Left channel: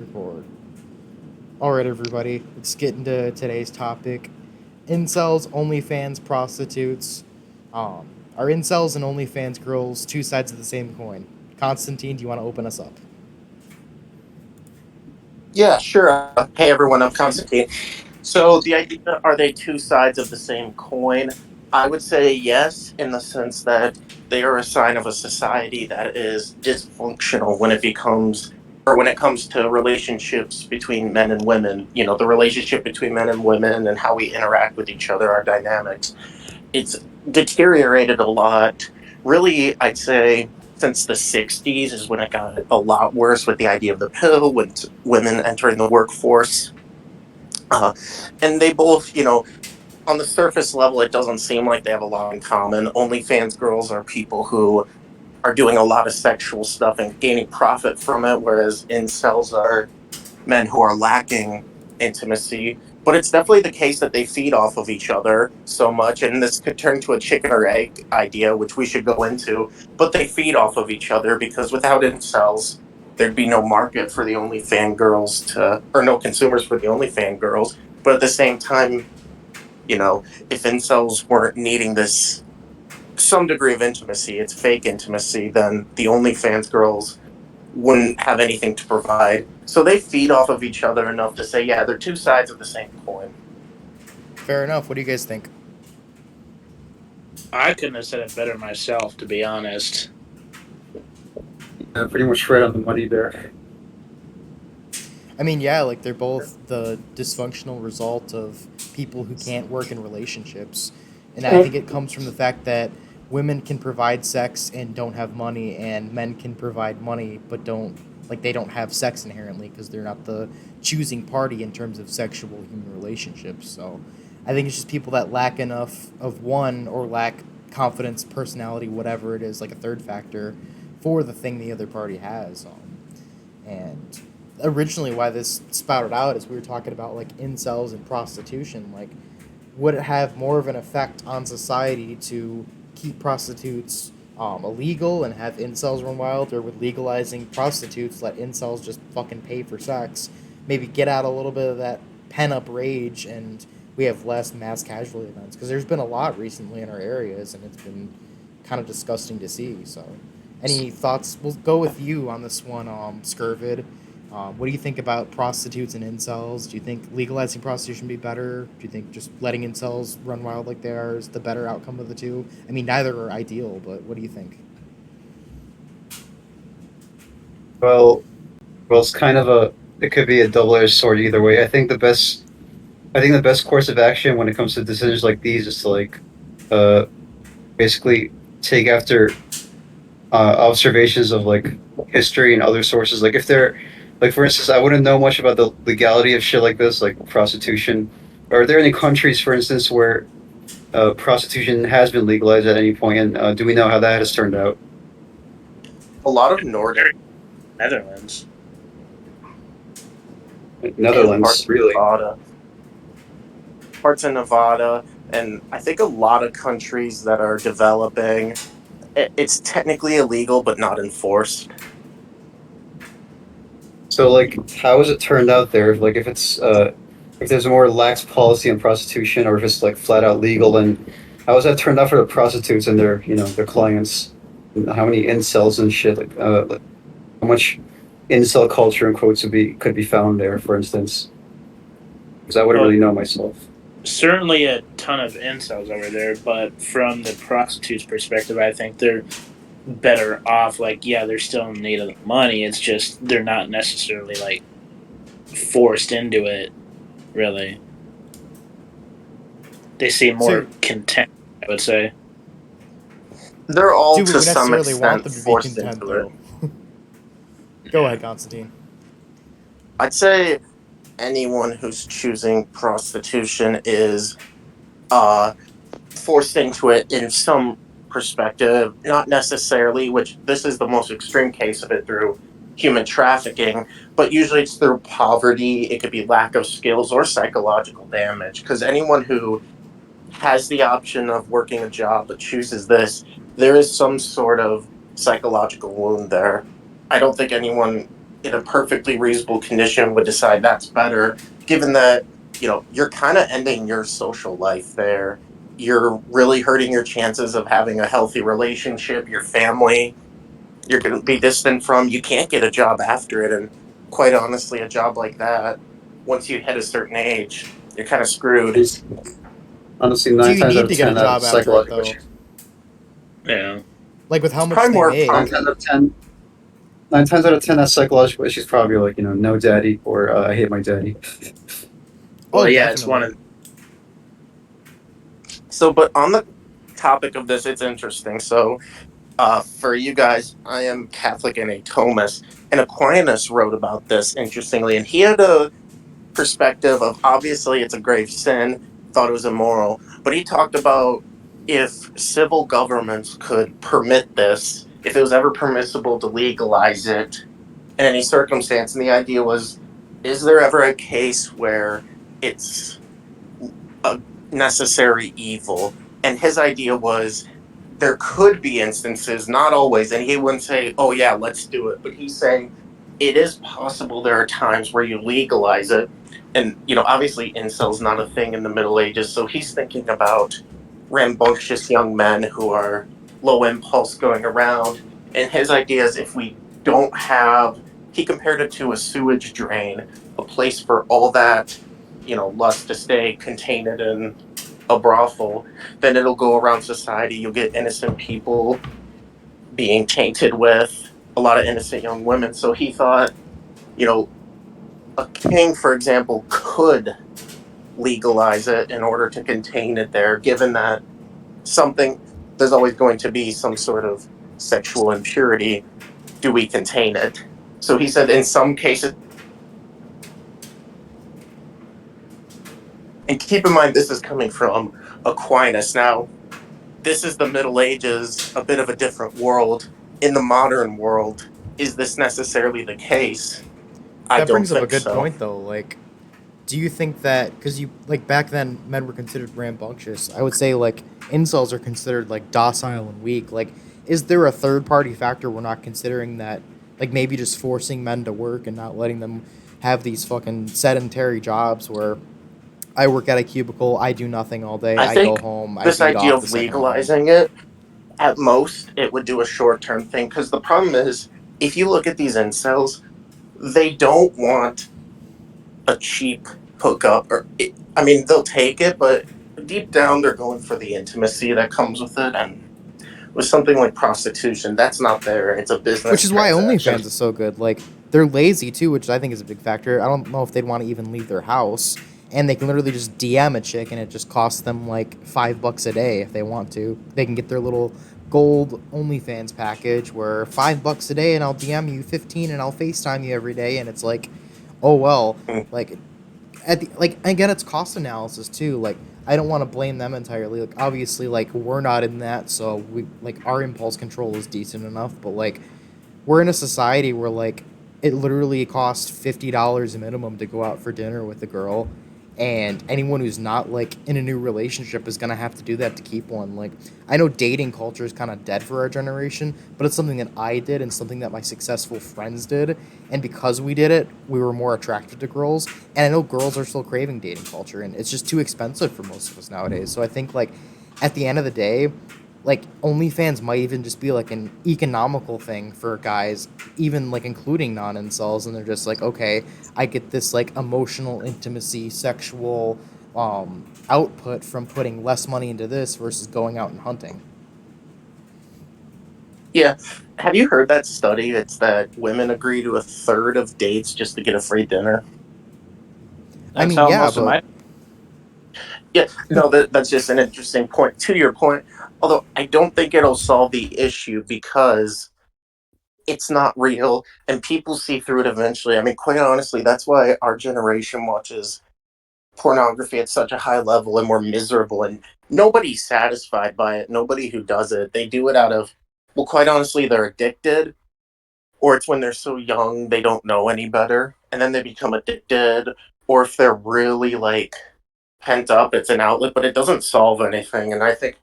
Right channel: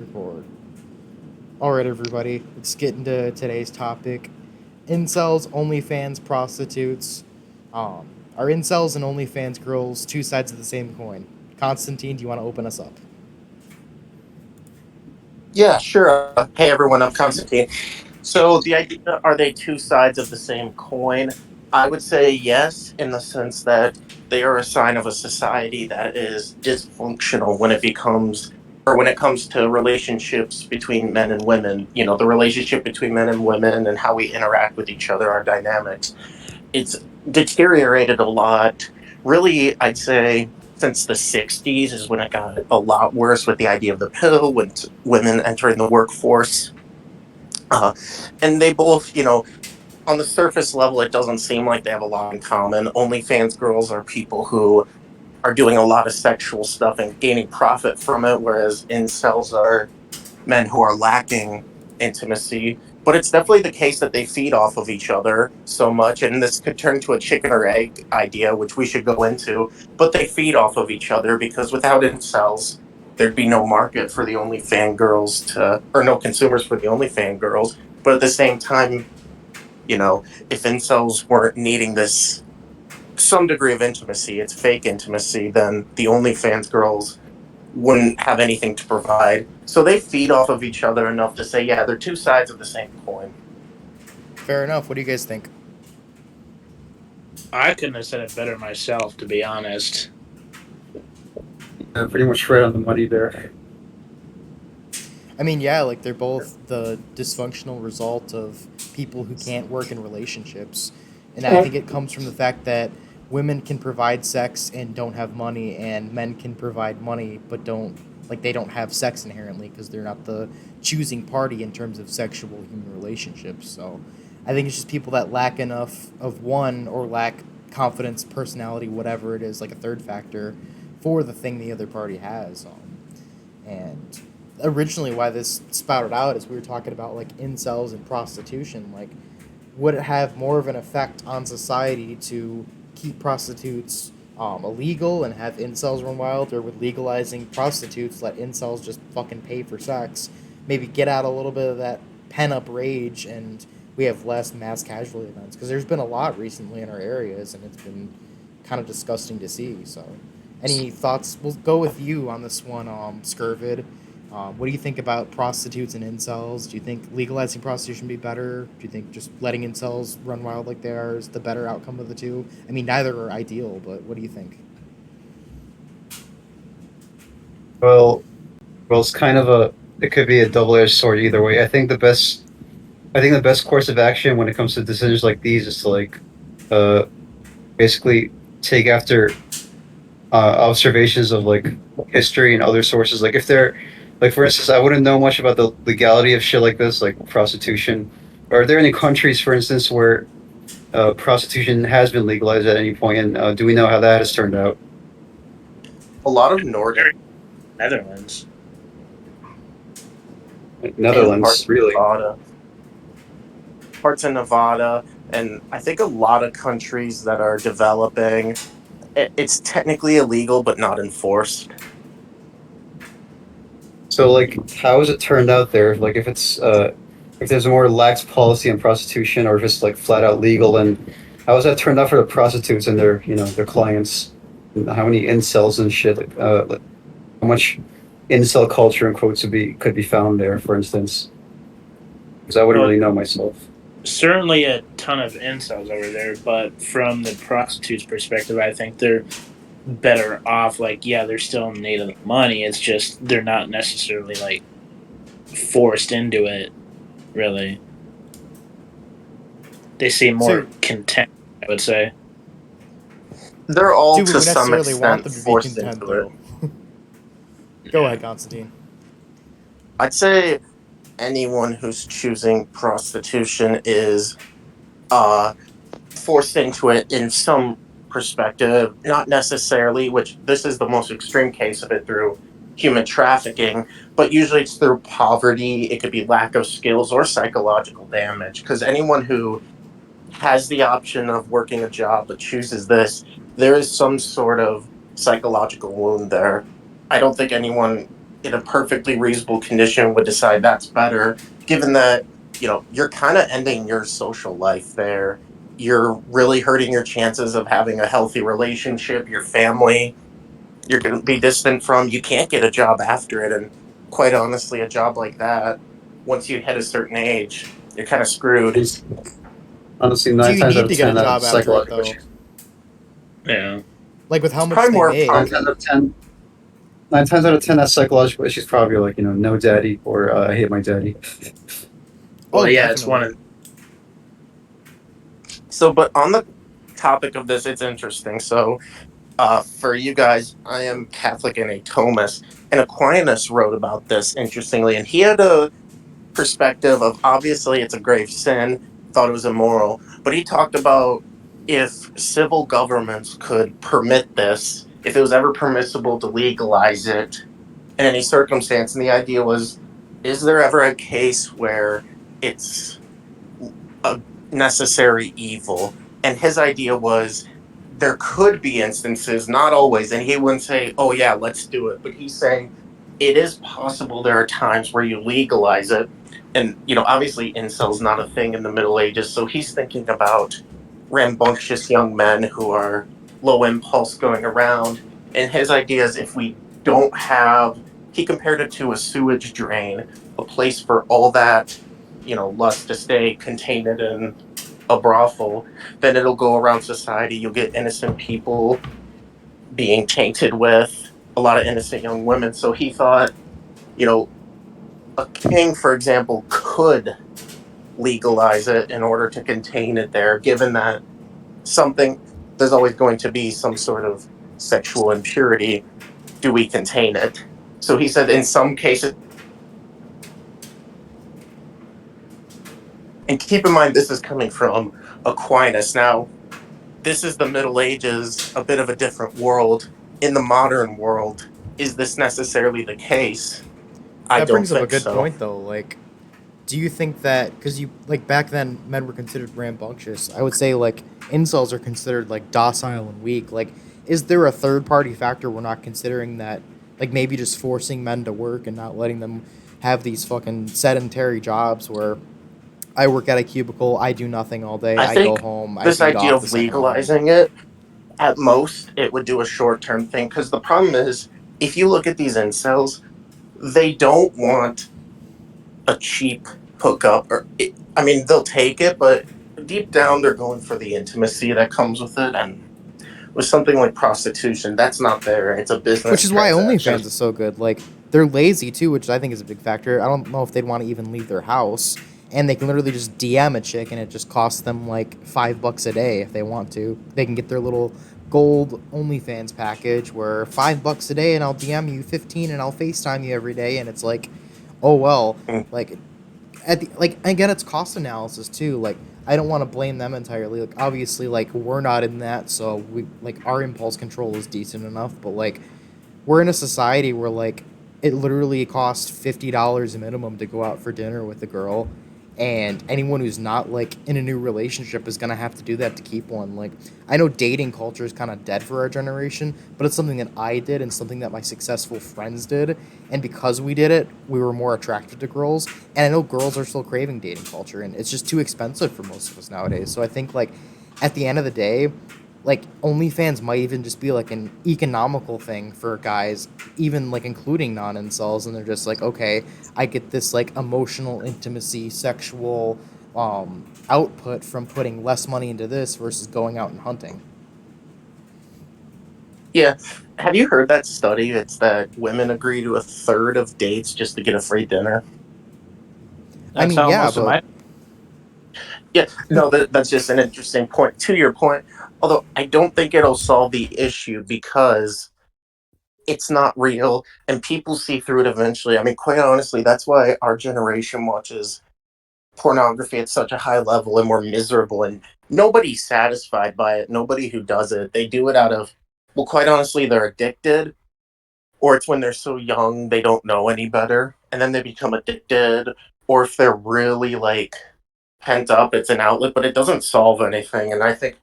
Record. Alright, everybody, let's get into today's topic. Incels, OnlyFans, prostitutes. Are incels and OnlyFans girls two sides of the same coin? Constantine, do you want to open us up? Yeah, sure. Hey, everyone, I'm Constantine. So, the idea, are they two sides of the same coin? I would say yes, in the sense that they are a sign of a society that is dysfunctional when it comes to relationships between men and women. You know, the relationship between men and women and how we interact with each other, our dynamics. It's deteriorated a lot. Really, I'd say since the 60s is when it got a lot worse with the idea of the pill, with women entering the workforce. Uh, and they both, on the surface level, it doesn't seem like they have a lot in common. OnlyFans girls are people who are doing a lot of sexual stuff and gaining profit from it, whereas incels are men who are lacking intimacy. But it's definitely the case that they feed off of each other so much, and this could turn to a chicken or egg idea, which we should go into. But they feed off of each other because without incels, there'd be no market for the OnlyFan girls or no consumers for the OnlyFan girls. But at the same time, if incels weren't needing this some degree of intimacy, it's fake intimacy, then the OnlyFans girls wouldn't have anything to provide. So they feed off of each other enough to say, yeah, they're two sides of the same coin. Fair enough. What do you guys think? I couldn't have said it better myself, to be honest. Pretty much right on the money there. I mean, yeah, like they're both the dysfunctional result of people who can't work in relationships. And I think it comes from the fact that women can provide sex and don't have money, and men can provide money but they don't have sex inherently because they're not the choosing party in terms of sexual human relationships. So I think it's just people that lack enough of one or lack confidence, personality, whatever it is, like a third factor for the thing the other party has. And originally why this spouted out is we were talking about like incels and prostitution. Like, would it have more of an effect on society to keep prostitutes illegal and have incels run wild, or with legalizing prostitutes let incels just fucking pay for sex, maybe get out a little bit of that pent up rage, and we have less mass casualty events? Because there's been a lot recently in our areas, and it's been kind of disgusting to see. So, any thoughts? We'll go with you on this one, Scurvid. What do you think about prostitutes and incels? Do you think legalizing prostitution would be better? Do you think just letting incels run wild like they are is the better outcome of the two? I mean, neither are ideal, but what do you think? Well, it's kind of it could be a double-edged sword either way. I think the best course of action when it comes to decisions like these is to uh, basically take after observations of like history and other sources. Like if they're, like for instance, I wouldn't know much about the legality of shit like this, like prostitution. Are there any countries, for instance, where prostitution has been legalized at any point, and do we know how that has turned out? A lot of Nordic Netherlands. and Netherlands, really? parts of Nevada, and I think a lot of countries that are developing, it's technically illegal but not enforced. So, like, how has it turned out there? Like, if there's a more lax policy on prostitution, or if it's like flat out legal, then how has that turned out for the prostitutes and their, their clients? How many incels and shit? Like, how much incel culture in quotes could be found there, for instance? Because I wouldn't Well, really know myself. certainly a ton of incels over there, but from the prostitute's perspective, I think they're better off. Like, yeah, they're still in need of the money. It's just they're not necessarily like forced into it. Really, they seem more So, content, I would say. They're all do we to some necessarily want extent them to be forced content, into it. though? Go ahead, Constantine. I'd say anyone who's choosing prostitution is uh, forced into it in some perspective, not necessarily, which this is the most extreme case of it through human trafficking, but usually it's through poverty. It could be lack of skills or psychological damage. Because anyone who has the option of working a job but chooses this, there is some sort of psychological wound there. I don't think anyone in a perfectly reasonable condition would decide that's better, given that, you're kind of ending your social life there. You're really hurting your chances of having a healthy relationship, your family, you're going to be distant from, you can't get a job after it. And quite honestly, a job like that, once you hit a certain age, you're kind of screwed. Honestly, Do nine you times out need of to get a 10, job after it psychological though? issues. Yeah. Like with how It's much probably they more Nine make. times out of 10, 9 times out of 10, that psychological issues probably like, no daddy or I hate my daddy. Oh, Well, yeah, it's one definitely. of so. But on the topic of this, it's interesting. So, for you guys, I am Catholic and a Thomist, and Aquinas wrote about this interestingly, and he had a perspective of obviously it's a grave sin, thought it was immoral, but he talked about if civil governments could permit this, if it was ever permissible to legalize it in any circumstance. And the idea was, is there ever a case where it's a necessary evil? And his idea was there could be instances, not always, and he wouldn't say, oh yeah, let's do it, but he's saying it is possible there are times where you legalize it. And obviously incel's not a thing in the Middle Ages, so he's thinking about rambunctious young men who are low impulse going around. And his idea is, if we don't have, he compared it to a sewage drain, a place for all that lust to stay contained in a brothel, then it'll go around society. You'll get innocent people being tainted with a lot of innocent young women. So he thought, you know, a king, for example, could legalize it in order to contain it there, given that something, there's always going to be some sort of sexual impurity. Do we contain it? So he said in some cases, and keep in mind, this is coming from Aquinas. Now, this is the Middle Ages, a bit of a different world. In the modern world, is this necessarily the case? I That don't brings up a think good so. point though. Like, do you think that because you like back then men were considered rambunctious? I would say like incels are considered like docile and weak. Like, is there a third party factor we're not considering that? Like maybe just forcing men to work and not letting them have these fucking sedentary jobs where I work at a cubicle, I do nothing all day, I I go think home, I this beat idea off the of second I'm home. legalizing it, at most, it would do a short term thing. Because the problem is, if you look at these incels, they don't want a cheap hookup. I mean, they'll take it, but deep down, they're going for the intimacy that comes with it. And with something like prostitution, that's not there. It's a Which business is why transaction. OnlyFans is so good. Like they're lazy too, which I think is a big factor. I don't know if they'd want to even leave their house, and they can literally just DM a chick, and it just costs them like $5 a day if they want to. They can get their little gold OnlyFans package where $5 a day, and I'll DM you 15, and I'll FaceTime you every day, and it's like, oh well, Mm. like at the, like again, it's cost analysis too. Like I don't want to blame them entirely. Like obviously, like we're not in that, so we like our impulse control is decent enough, but like we're in a society where like it literally costs $50 a minimum to go out for dinner with a girl, and anyone who's not like in a new relationship is gonna have to do that to keep one. Like I know dating culture is kind of dead for our generation, but it's something that I did and something that my successful friends did, and because we did it we were more attracted to girls, and I know girls are still craving dating culture, and it's just too expensive for most of us nowadays. So I think like at the end of the day, like OnlyFans might even just be like an economical thing for guys, even like including non-incels, and they're just like, okay, I get this like emotional intimacy, sexual output from putting less money into this versus going out and hunting. Yeah. Have you heard that study? It's that women agree to a third of dates just to get a free dinner. I that's mean, how yeah, most of but my Yeah, no, that's just an interesting point. To your point, although I don't think it'll solve the issue because it's not real and people see through it eventually. I mean, quite honestly, that's why our generation watches pornography at such a high level and we're miserable, and nobody's satisfied by it. Nobody who does it, they do it out of, well, quite honestly, they're addicted, or it's when they're so young they don't know any better and then they become addicted, or if they're really like pent up, it's an outlet, but it doesn't solve anything. And I think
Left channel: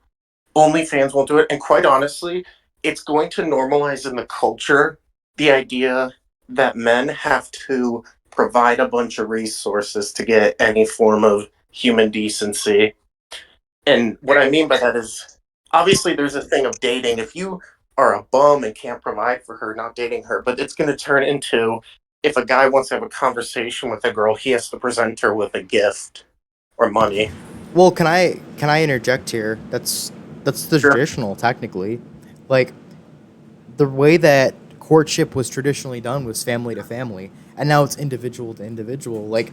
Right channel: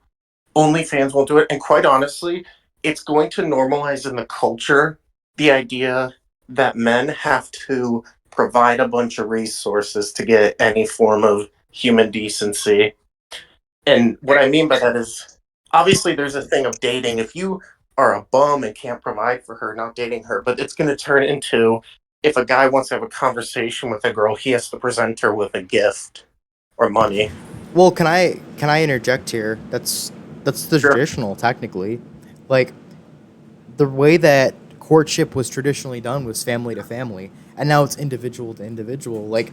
OnlyFans won't do it. And quite honestly, it's going to normalize in the culture the idea that men have to provide a bunch of resources to get any form of human decency. And what I mean by that is obviously there's a thing of dating. If you are a bum and can't provide for her, not dating her, but it's going to turn into if a guy wants to have a conversation with a girl, he has to present her with a gift or money. Well, can I interject here? That's the Sure. traditional, technically. Like, the way that courtship was traditionally done was family to family, and now it's individual to individual. Like,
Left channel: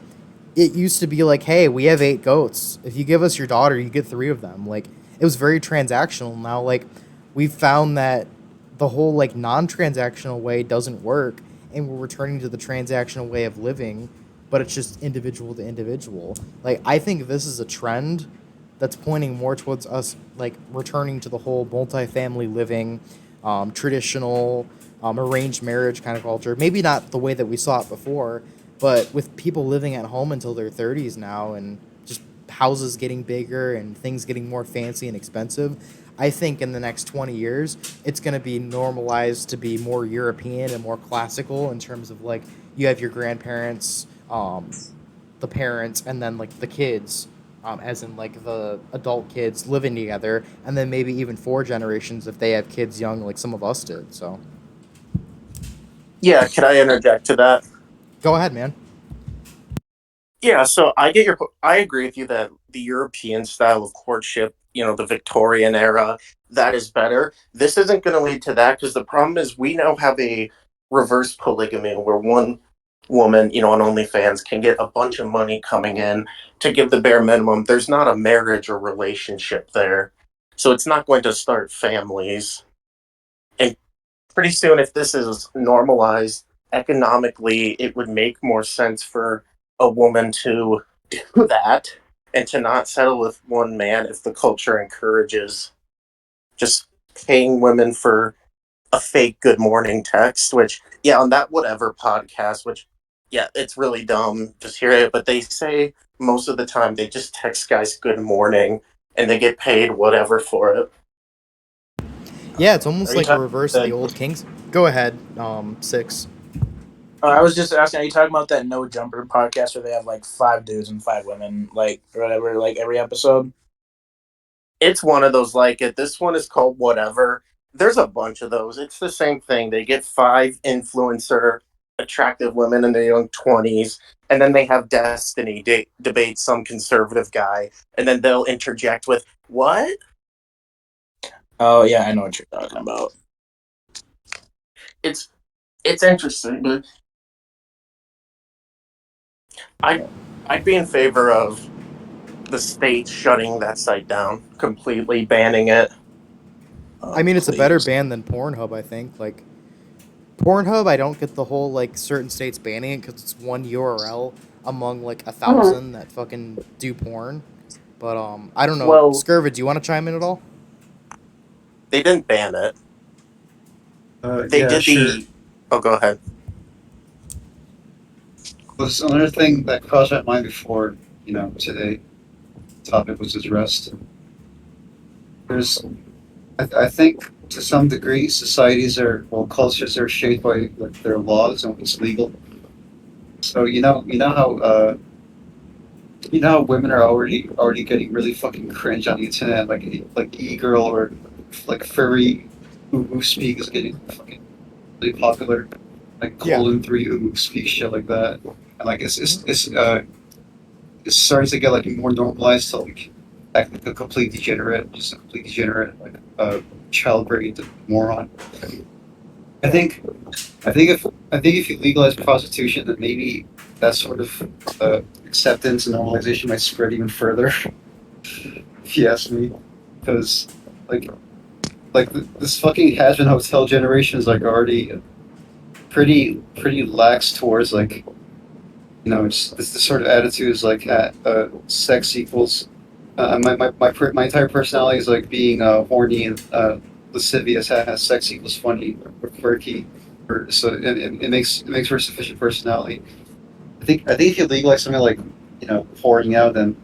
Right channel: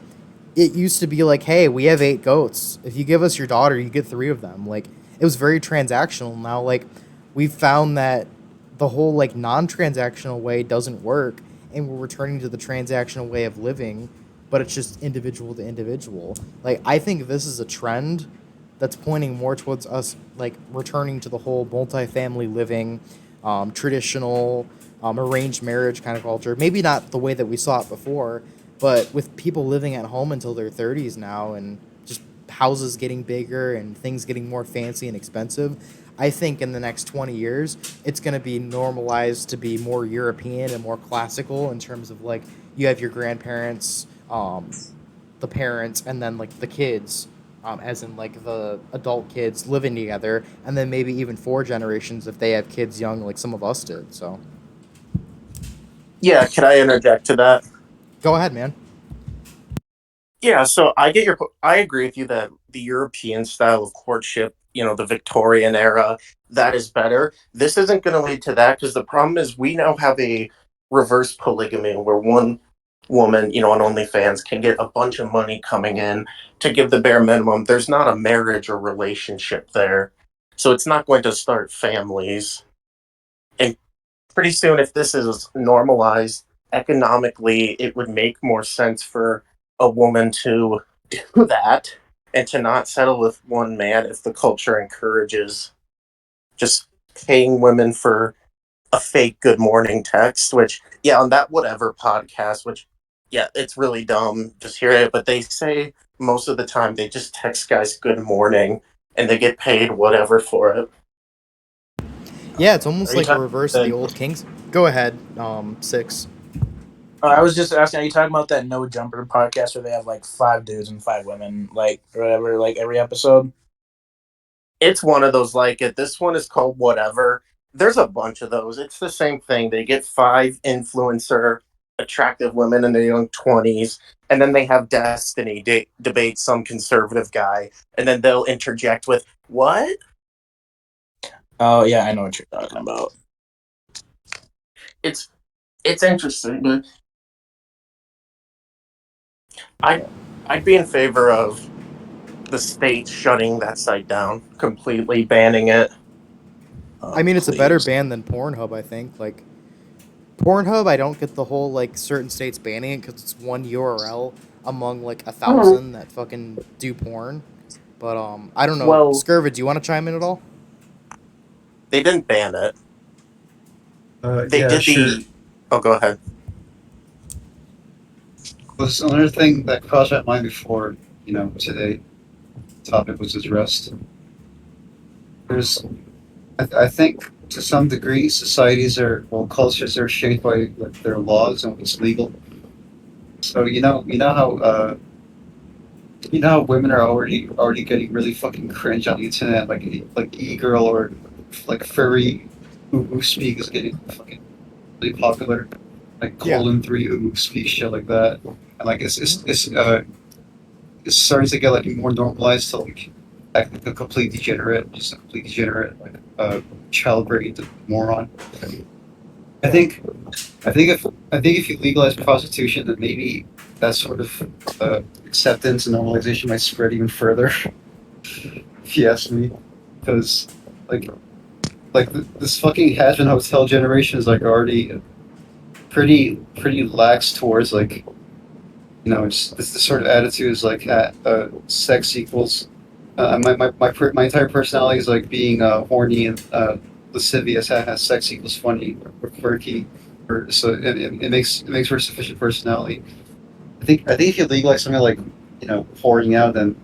it used to be like, hey, we have 8 goats. If you give us your daughter, you get 3 of them. Like, it was very transactional. Now, like, we've found that the whole like non-transactional way doesn't work, and we're returning to the transactional way of living, but it's just individual to individual. Like, I think this is a trend that's pointing more towards us like returning to the whole multifamily living, traditional, arranged marriage kind of culture. Maybe not the way that we saw it before, but with people living at home until their 30s now, and just houses getting bigger and things getting more fancy and expensive, I think in the next 20 years, it's going to be normalized to be more European and more classical in terms of like you have your grandparents, the parents, and then like the kids, as in like the adult kids living together, and then maybe even 4 generations if they have kids young, like some of us did. So Yeah, can I interject to that? go ahead, man. Yeah, so I agree with you that the European style of courtship, the Victorian era, that is better. This isn't going to lead to that because the problem is we now have a reverse polygamy where one woman, on OnlyFans can get a bunch of money coming in to give the bare minimum. There's not a marriage or relationship there. So it's not going to start families. And pretty soon, if this is normalized economically, it would make more sense for a woman to do that and to not settle with one man if the culture encourages just paying women for a fake good morning text, which, yeah, on that whatever podcast, which, yeah, it's really dumb. Just hear it. But they say most of the time they just text guys good morning and they get paid whatever for it. Yeah, it's Are almost you like a talking reverse of the that? old Kings. Go ahead, six. I was just asking. Are you talking about that No Jumper podcast where they have like 5 dudes and 5 women, like or whatever, like every episode? It's one of those like it. This one is called Whatever. There's a bunch of those. It's the same thing. They get 5 influencer attractive women in their young 20s, and then they have Destiny debate some conservative guy, and then they'll interject with, "What?" Oh yeah, I know what you're talking about. It's it's interesting, but I I'd be in favor of the state shutting that site down, completely banning it. I mean, it's a better Please. ban than Pornhub, I think. Like, Pornhub, I don't get the whole, like, certain states banning it because it's one URL among, like, 1,000 that fucking do porn. But, I don't know. Well, Scurvid, do you want to chime in at all? they didn't ban it. They Yeah, did sure. the. Oh, go ahead. Was another thing that crossed my mind before, today topic was addressed. There's, I think to some degree, cultures are shaped by like, their laws and what's legal. So you know how women are already getting really fucking cringe on the internet, like e-girl or like furry who speak is getting fucking really popular, like Yeah. Colon 3 who speak shit like that, and like Mhm. it's starting to get like more normalized to like act like a complete degenerate, just a complete degenerate, like child brained moron. I Yeah. think I think if you legalize prostitution, then maybe that sort of acceptance and normalization might spread even further. If you ask me, because like this fucking has-been hotel generation is like already pretty lax towards like it's this sort of attitude is like sex equals my entire personality is like being horny and lascivious has sex equals funny or quirky or so it makes for a sufficient personality. I think if you legalize something like pouring out, then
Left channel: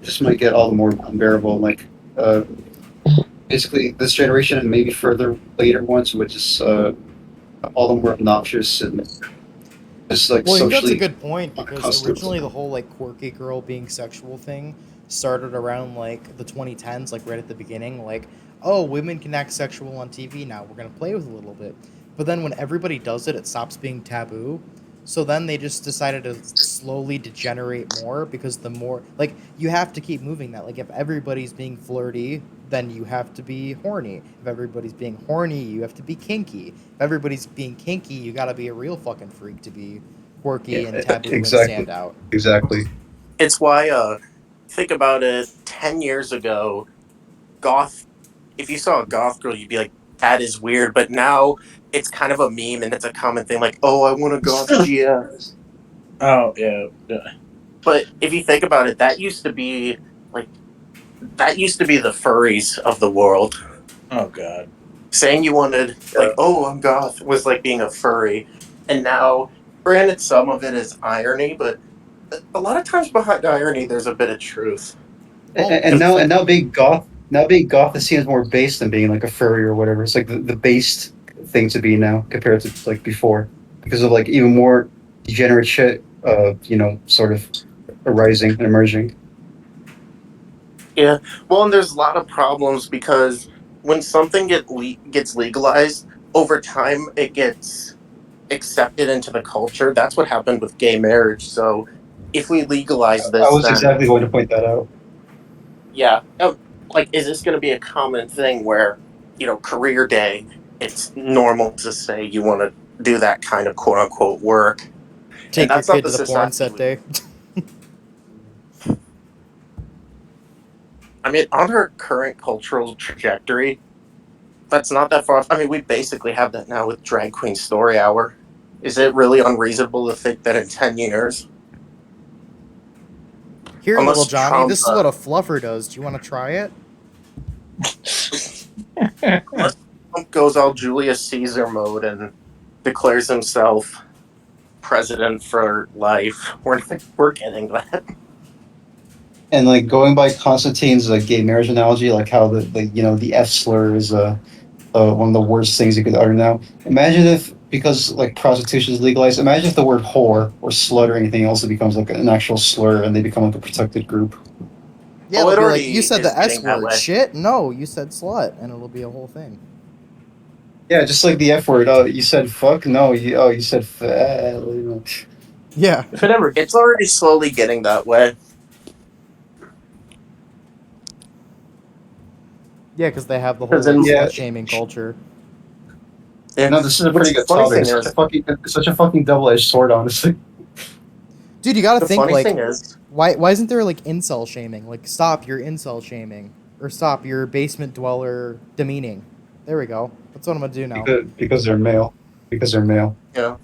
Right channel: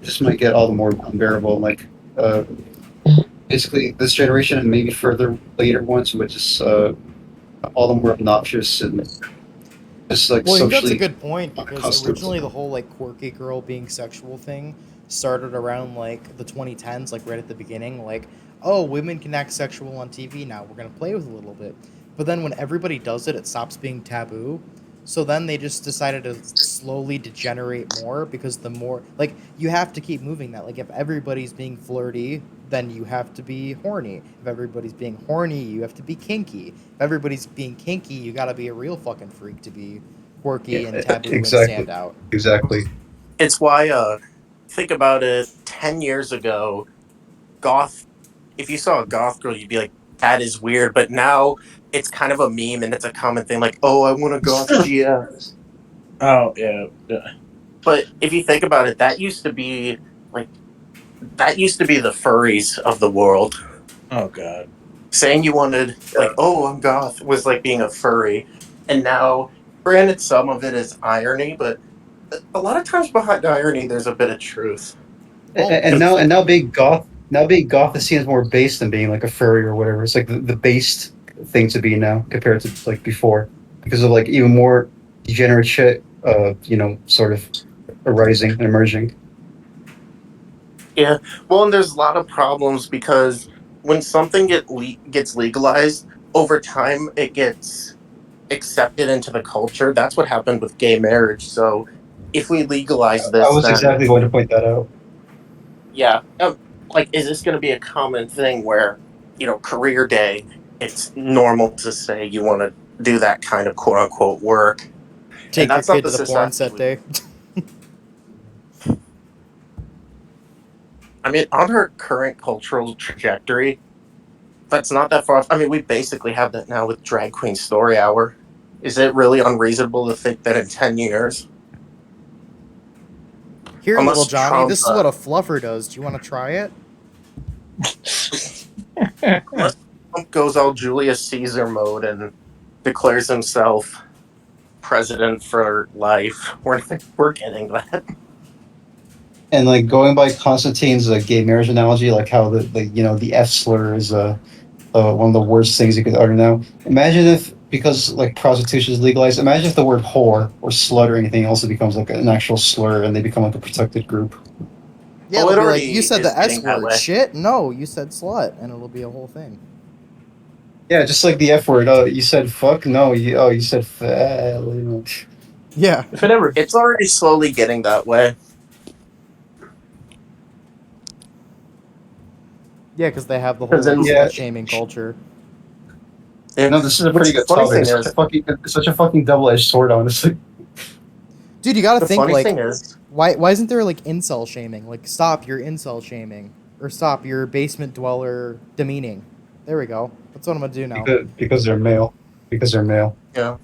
it just might get all the more unbearable. Like uh, basically this generation and maybe further later ones would just all the more obnoxious and It's like Well, I think that's a socially good point because accustomed. originally the whole like quirky girl being sexual thing started around like the 2010s, like right at the beginning. Like, oh, women can act sexual on TV now. We're gonna play with it a little bit. But then when everybody does it, it stops being taboo. So then they just decided to slowly degenerate more because the more like you have to keep moving that. Like if everybody's being flirty, then you have to be horny. If everybody's being horny, you have to be kinky. If everybody's being kinky, you gotta be a real fucking freak to be quirky and Yeah, taboo and exactly, stand out. exactly. It's why, think about it. 10 years ago, goth. If you saw a goth girl, you'd be like, "That is weird." But now it's kind of a meme, and it's a common thing. Like, "Oh, I want a goth GF." Oh yeah, yeah. But if you think about it, like that used to be the furries of the world. Oh god. Saying you wanted like, "Oh, I'm goth," was like being a furry, and now, granted, some of it is irony, but a lot of times behind irony, there's a bit of truth. Always. Because And now being goth is seen as more base than being like a furry or whatever. It's like the based thing to be now compared to like before, because of like even more degenerate shit. Sort of arising and emerging. yeah, well, and there's a lot of problems because when something gets legalized over time, it gets accepted into the culture. That's what happened with gay marriage. So if we legalize I this, was then exactly going to point that out. yeah, like, is this going to be a common thing where, career day, it's normal to say you want to do that kind of quote unquote work, and Take your that's not kid the to the porn society set we. day. I mean, on her current cultural trajectory, that's not that far off. I mean, we basically have that now with Drag Queen Story Hour. Is it really unreasonable to think that in 10 years, Here, little unless Johnny, Trump, this is what a fluffer does. Do you want to try it? unless Trump goes all Julius Caesar mode and declares himself president for life, we're getting that. And like going by Constantine's gay marriage analogy, like how the F slur is one of the worst things you could utter now. Imagine if, because like prostitution is legalized, imagine if the word whore or slut or anything else becomes like an actual slur and they become like a protected group. Yeah, Oh, they'll it be like, you already said is the S getting that word. way. Shit? No, you said slut. And it'll be a whole thing. Yeah, just like the F word. Oh, you said fuck? No, you said fat. Yeah. If it ever It's already slowly getting that way. Yeah, because they have the whole, Because like, in Yeah. slut shaming culture. yeah, No, this is a which pretty the good funny topic. thing It's is, such a fucking double edged sword, honestly. Dude, you gotta the think, funny like, thing is, why isn't there, like, incel shaming? Like, stop your incel shaming. Or stop your basement dweller demeaning. There we go. That's what I'm gonna do now. Because they're male. Because they're male. you know,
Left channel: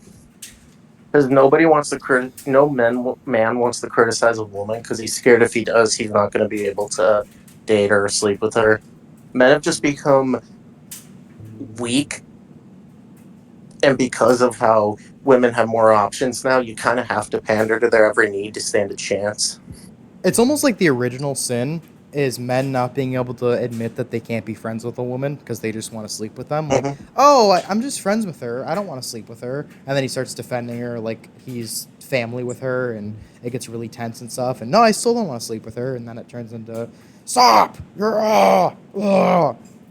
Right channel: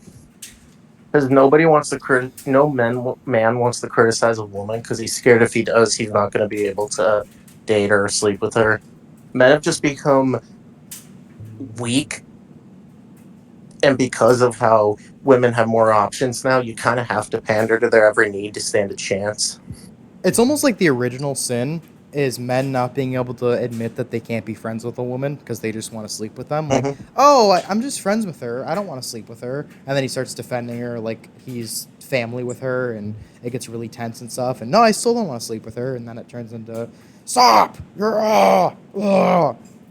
because nobody wants to no man wants to criticize a woman because he's scared if he does, he's not going to be able to date her or sleep with her. Men have just become weak, and because of how women have more options now, you kind of have to pander to their every need to stand a chance. It's almost like the original sin is men not being able to admit that they can't be friends with a woman because they just want to sleep with them. Like, Hmm. oh, I'm just friends with her. I don't want to sleep with her. And then he starts defending her like he's family with her, and it gets really tense and stuff. And no, I still don't want to sleep with her. And then it turns into, stop! You're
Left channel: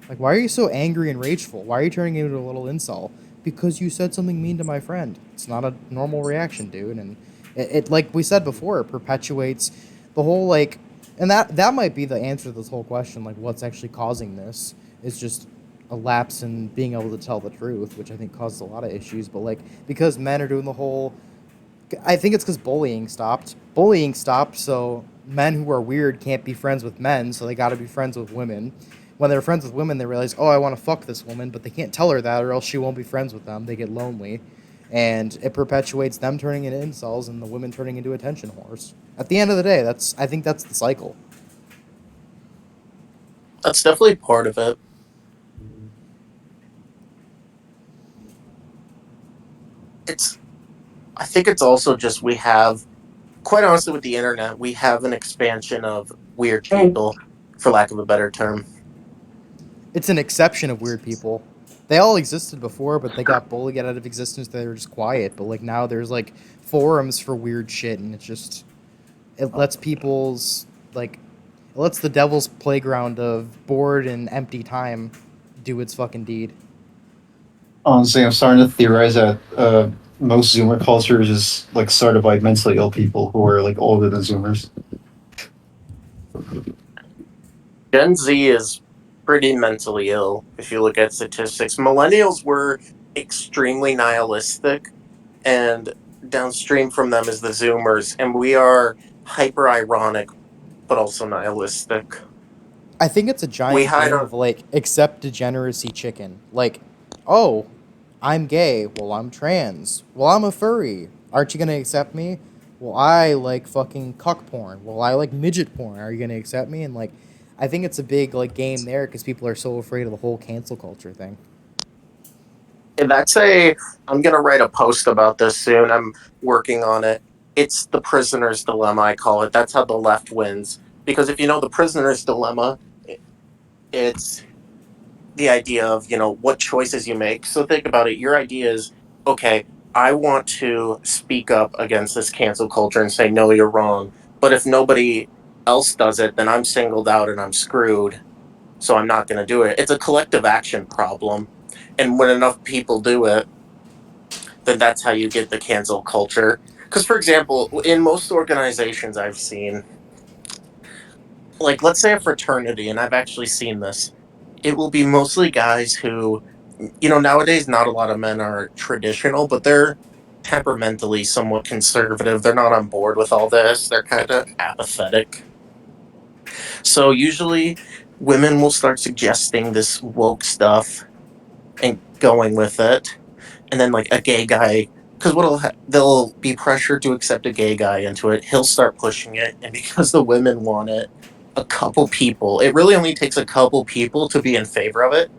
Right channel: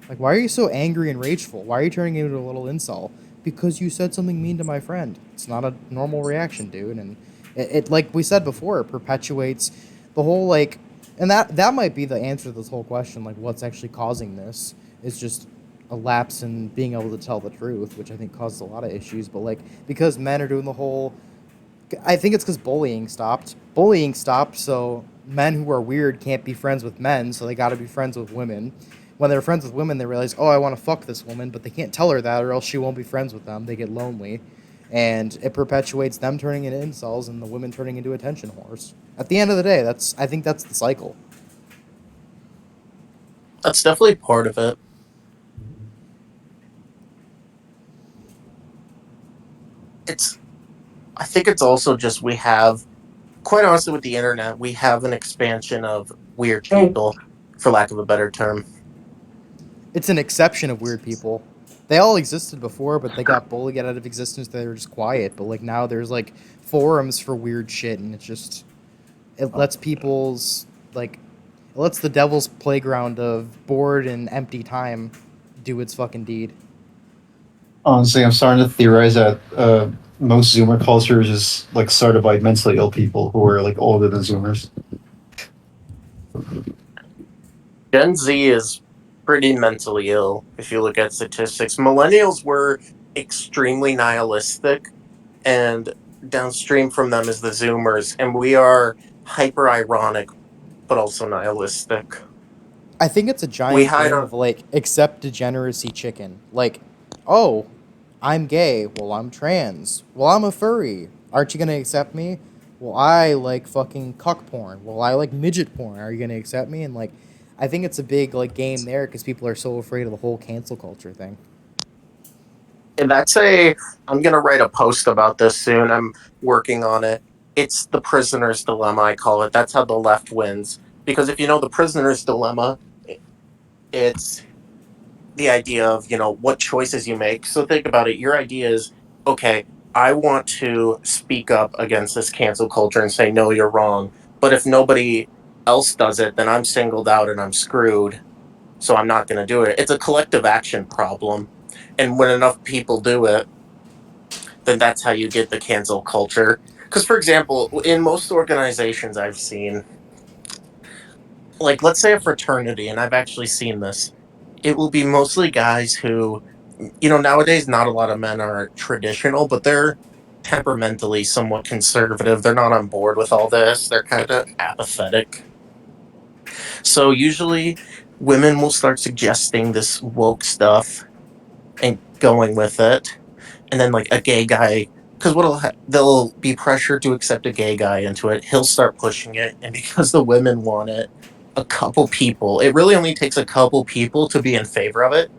like, why are you so angry and rageful? Why are you turning into a little incel? Because you said something mean to my friend. It's not a normal reaction, dude. And it like we said before, it perpetuates the whole like, and that might be the answer to this whole question, like what's actually causing this is just a lapse in being able to tell the truth, which I think causes a lot of issues. But like, because men are doing the whole, I think it's because bullying stopped, so men who are weird can't be friends with men, so they got to be friends with women. When they're friends with women, they realize, oh, I want to fuck this woman, but they can't tell her that, or else she won't be friends with them. They get lonely, and it perpetuates them turning into incels and the women turning into attention whores. At the end of the day, I think that's the cycle. That's definitely part of it. It's I think it's also just we have, quite honestly, with the internet, we have an expansion of weird people, for lack of a better term. It's an exception of weird people. they all existed before, but they got bullied out of existence. They were just quiet. But like now, there's like forums for weird shit, and it lets people's like it lets the devil's playground of bored and empty time do its fucking deed. Honestly, I'm starting to theorize that most Zoomer culture is just like started by mentally ill people who are like older than Zoomers. Gen Z is pretty mentally ill if you look at statistics. Millennials were extremely nihilistic, and downstream from them is the Zoomers, and we are hyper ironic but also nihilistic. I think it's a We giant hide game our of like accept degeneracy chicken. Like, oh, I'm gay. Well, I'm trans. Well, I'm a furry. Aren't you gonna accept me? Well, I like fucking cuck porn. Well, I like midget porn. Are you gonna accept me? And like, I think it's a big like game there because people are so afraid of the whole cancel culture thing. and that's a I'm gonna write a post about this soon. I'm working on it. It's the prisoner's dilemma, I call it. That's how the left wins. Because if you know the prisoner's dilemma, it's the idea of, what choices you make. So think about it. Your idea is, okay, I want to speak up against this cancel culture and say, no, you're wrong. But if nobody else does it, then I'm singled out and I'm screwed. So I'm not going to do it. It's a collective action problem. And when enough people do it, then that's how you get the cancel culture. Because, for example, in most organizations I've seen, like let's say a fraternity, and I've actually seen this, it will be mostly guys who, nowadays not a lot of men are traditional, but they're temperamentally somewhat conservative. They're not on board with all this. They're kind of apathetic. So usually women will start suggesting this woke stuff and going with it. And then like a gay guy, because they'll be pressured to accept a gay guy into it. He'll start pushing it, and because the women want it, a couple people. It really only takes a couple people to be in favor of it,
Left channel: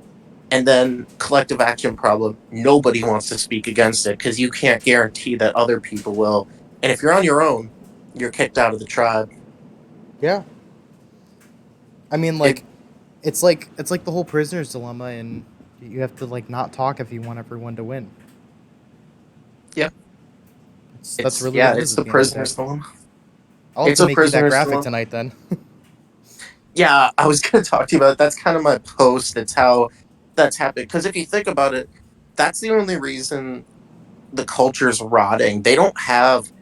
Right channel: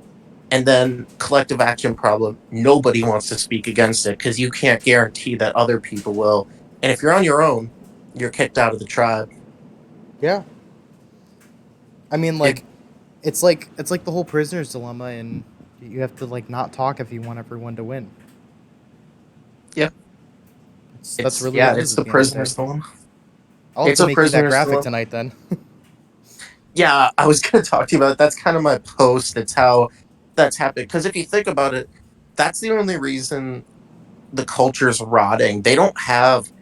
and then collective action problem. Nobody wants to speak against it because you can't guarantee that other people will. And if you're on your own, you're kicked out of the tribe. Yeah, I mean, It it's like the whole prisoner's dilemma, and you have to like not talk if you want everyone to win. yeah, That's really what it is it's at the the end of the day. prisoner's dilemma. I'll have It's to a make you that prisoner's graphic dilemma. tonight then. Yeah, I was going to talk to you about it. That's kind of my post. It's how that's happening. Because if you think about it, that's the only reason the culture's rotting. They don't have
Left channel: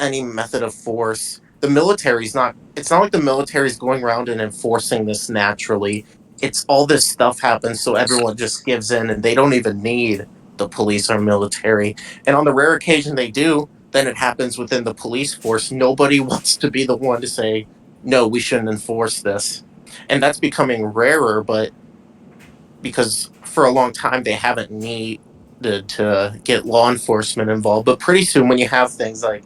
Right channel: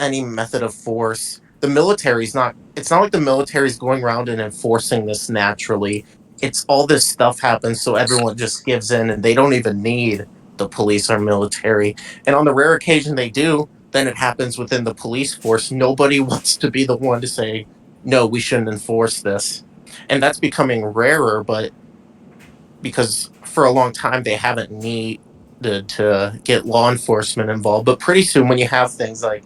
any method of force. The military's not, it's not like the military's going around and enforcing this naturally. It's all this stuff happens, so everyone just gives in and they don't even need the police or military. And on the rare occasion they do, then it happens within the police force. Nobody wants to be the one to say, no, we shouldn't enforce this. And that's becoming rarer, but because for a long time they haven't needed to get law enforcement involved. But pretty soon, when you have things like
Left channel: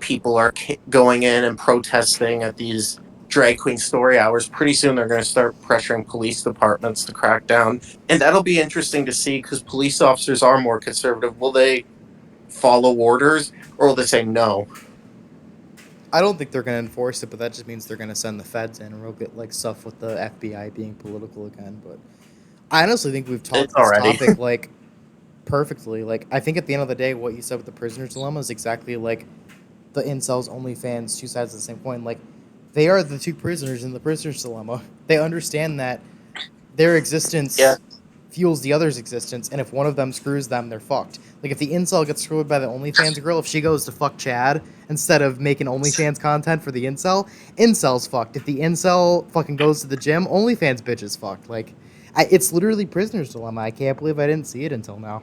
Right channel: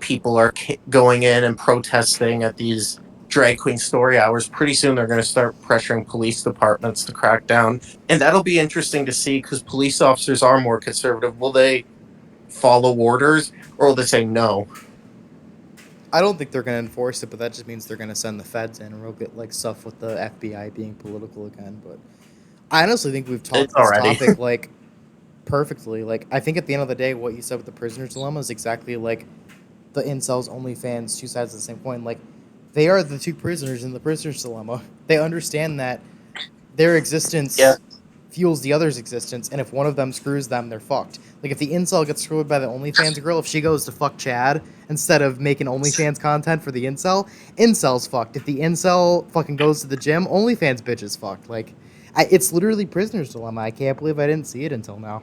people are going in and protesting at these drag queen story hours, pretty soon they're going to start pressuring police departments to crack down. And that'll be interesting to see because police officers are more conservative. Will they follow orders or will they say no? I don't think they're gonna enforce it, but that just means they're gonna send the feds in, and we'll get like stuff with the FBI being political again. But I honestly think we've It's talked this already. topic like perfectly. Like I think at the end of the day, what you said with the prisoner's dilemma is exactly like the incels, OnlyFans, two sides of the same coin. Like they are the two prisoners in the prisoner's dilemma. They understand that their Yeah. existence fuels the other's existence, and if one of them screws them, they're fucked. Like if the incel gets screwed by the OnlyFans girl, if she goes to fuck Chad instead of making OnlyFans content for the incel's fucked. If the incel fucking goes to the gym, OnlyFans bitch is fucked. Like, it's literally prisoner's dilemma. I can't believe I didn't see it until now.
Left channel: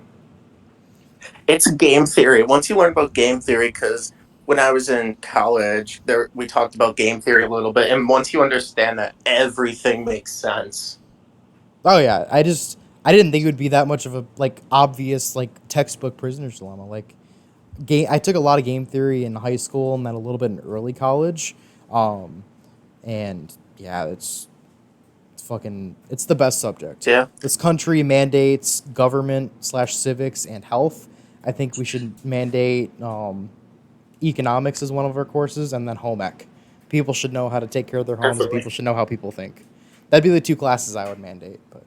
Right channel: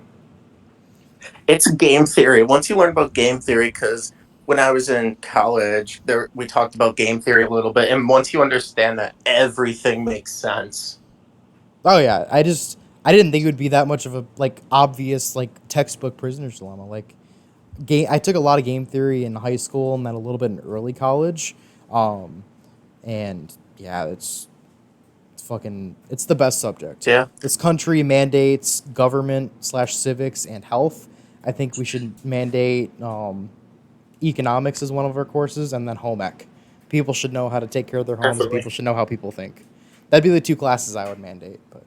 It's game theory. Once you learn about game theory, because when I was in college, there we talked about game theory a little bit, and once you understand that, everything makes sense. Oh yeah, I didn't think it would be that much of a like obvious like textbook prisoner's dilemma. Like I took a lot of game theory in high school and then a little bit in early college. Um, and yeah, it's the best subject. Yeah, This country mandates government slash civics and health. I think we should mandate economics as one of our courses, and then home ec. People should know how to take care of their homes, and definitely. people should know how people think. That'd be the two classes I would mandate. But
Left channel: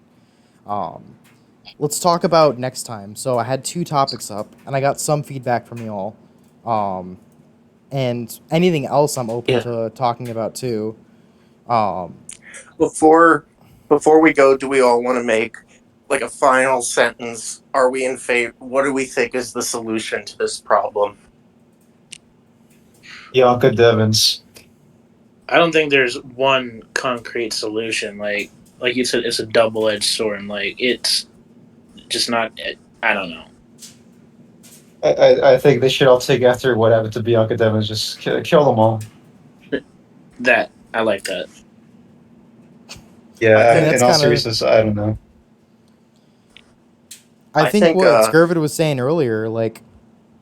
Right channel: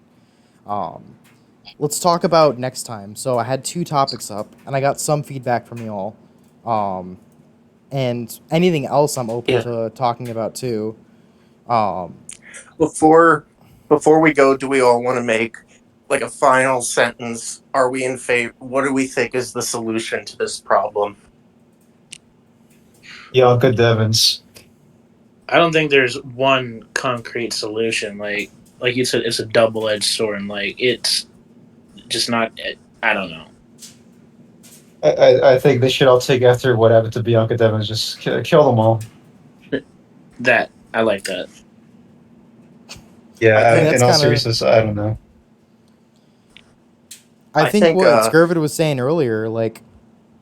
let's talk about next time. So I had 2 topics up, and I got some feedback from you all. Um, and anything else I'm open Yeah. to talking about too. Um, Before before we go, do we all want to make like a final sentence? Are we in favor? What do we think is the solution to this problem? Bianca Devins. I don't think there's one concrete solution. Like you said, it's a double edged sword. And like it's just not. I don't know. I think they should all take after what happened to Bianca Devins. Just kill them all. That I like that. Yeah, I think that's in all kinda- seriousness, I don't know. I I think think, what Scurvid was saying earlier, like,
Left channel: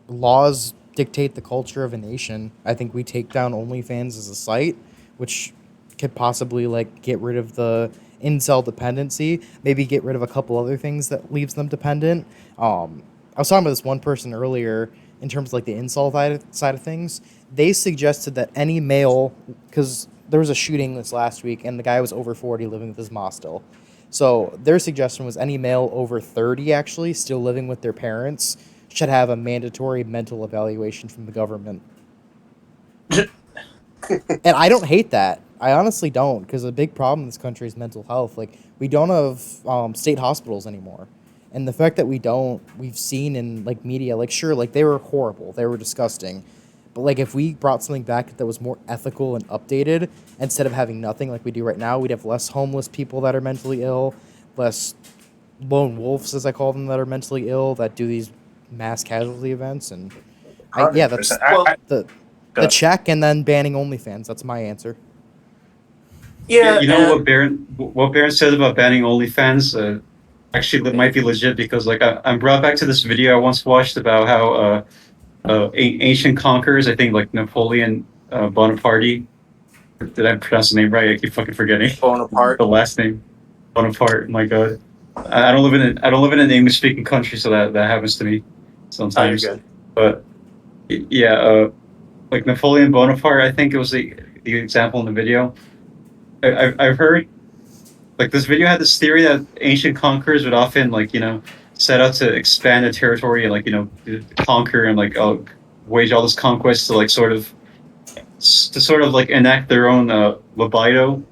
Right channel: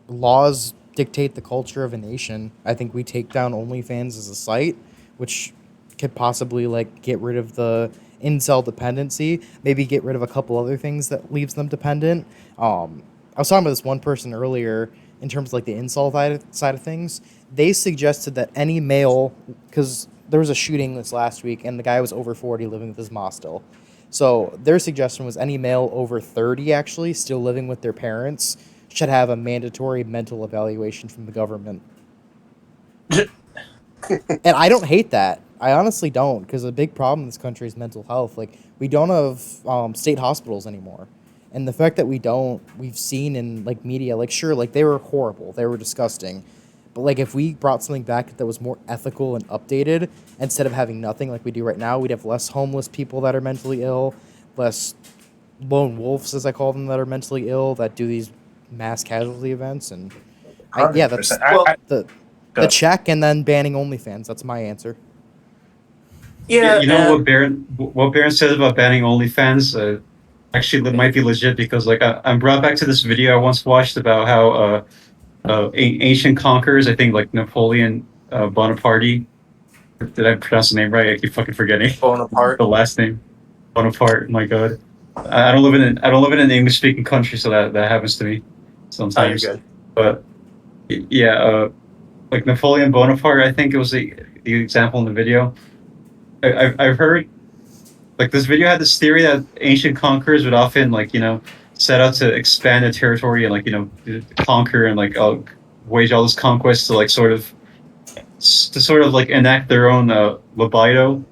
laws dictate the culture of a nation. I think we take down OnlyFans as a site, which could possibly like get rid of the incel dependency, maybe get rid of a couple other things that leaves them dependent. I was talking about this one person earlier in terms of like the incel side of things. They suggested that any male, because there was a shooting this last week and the guy was over 40 living with his mom still. So their suggestion was any male over 30 actually still living with their parents should have a mandatory mental evaluation from the government. And I don't hate that. I honestly don't, because a big problem in this country is mental health. Like, we don't have state hospitals anymore. And the fact that we don't, we've seen in, like, media, like, sure, like, they were horrible. They were disgusting. But, like, if we brought something back that was more ethical and updated, instead of having nothing like we do right now, we'd have less homeless people that are mentally ill, less lone wolves, as I call them, that are mentally ill, that do these mass casualty events. And, yeah, that's 100%. the Good. check and then banning OnlyFans. That's my answer. yeah, You know and what Baron said about banning OnlyFans? Actually, it might be legit because like I'm brought back to this video I once watched about how ancient conquerors, I think like Napoleon Bonaparte. Did I pronounce the name right? I keep fucking forgetting Bonaparte. the last name. Bonaparte. My God, I don't live in an English speaking country, so that happens to me Oh, you're sometimes. good. But yeah, like Napoleon Bonaparte, I think it was the example in the video. I've heard like this video had this theory that ancient conquerors would often like set out to expand their territory and like conquer and like wage all this conquest to like sort of like enact their own libido,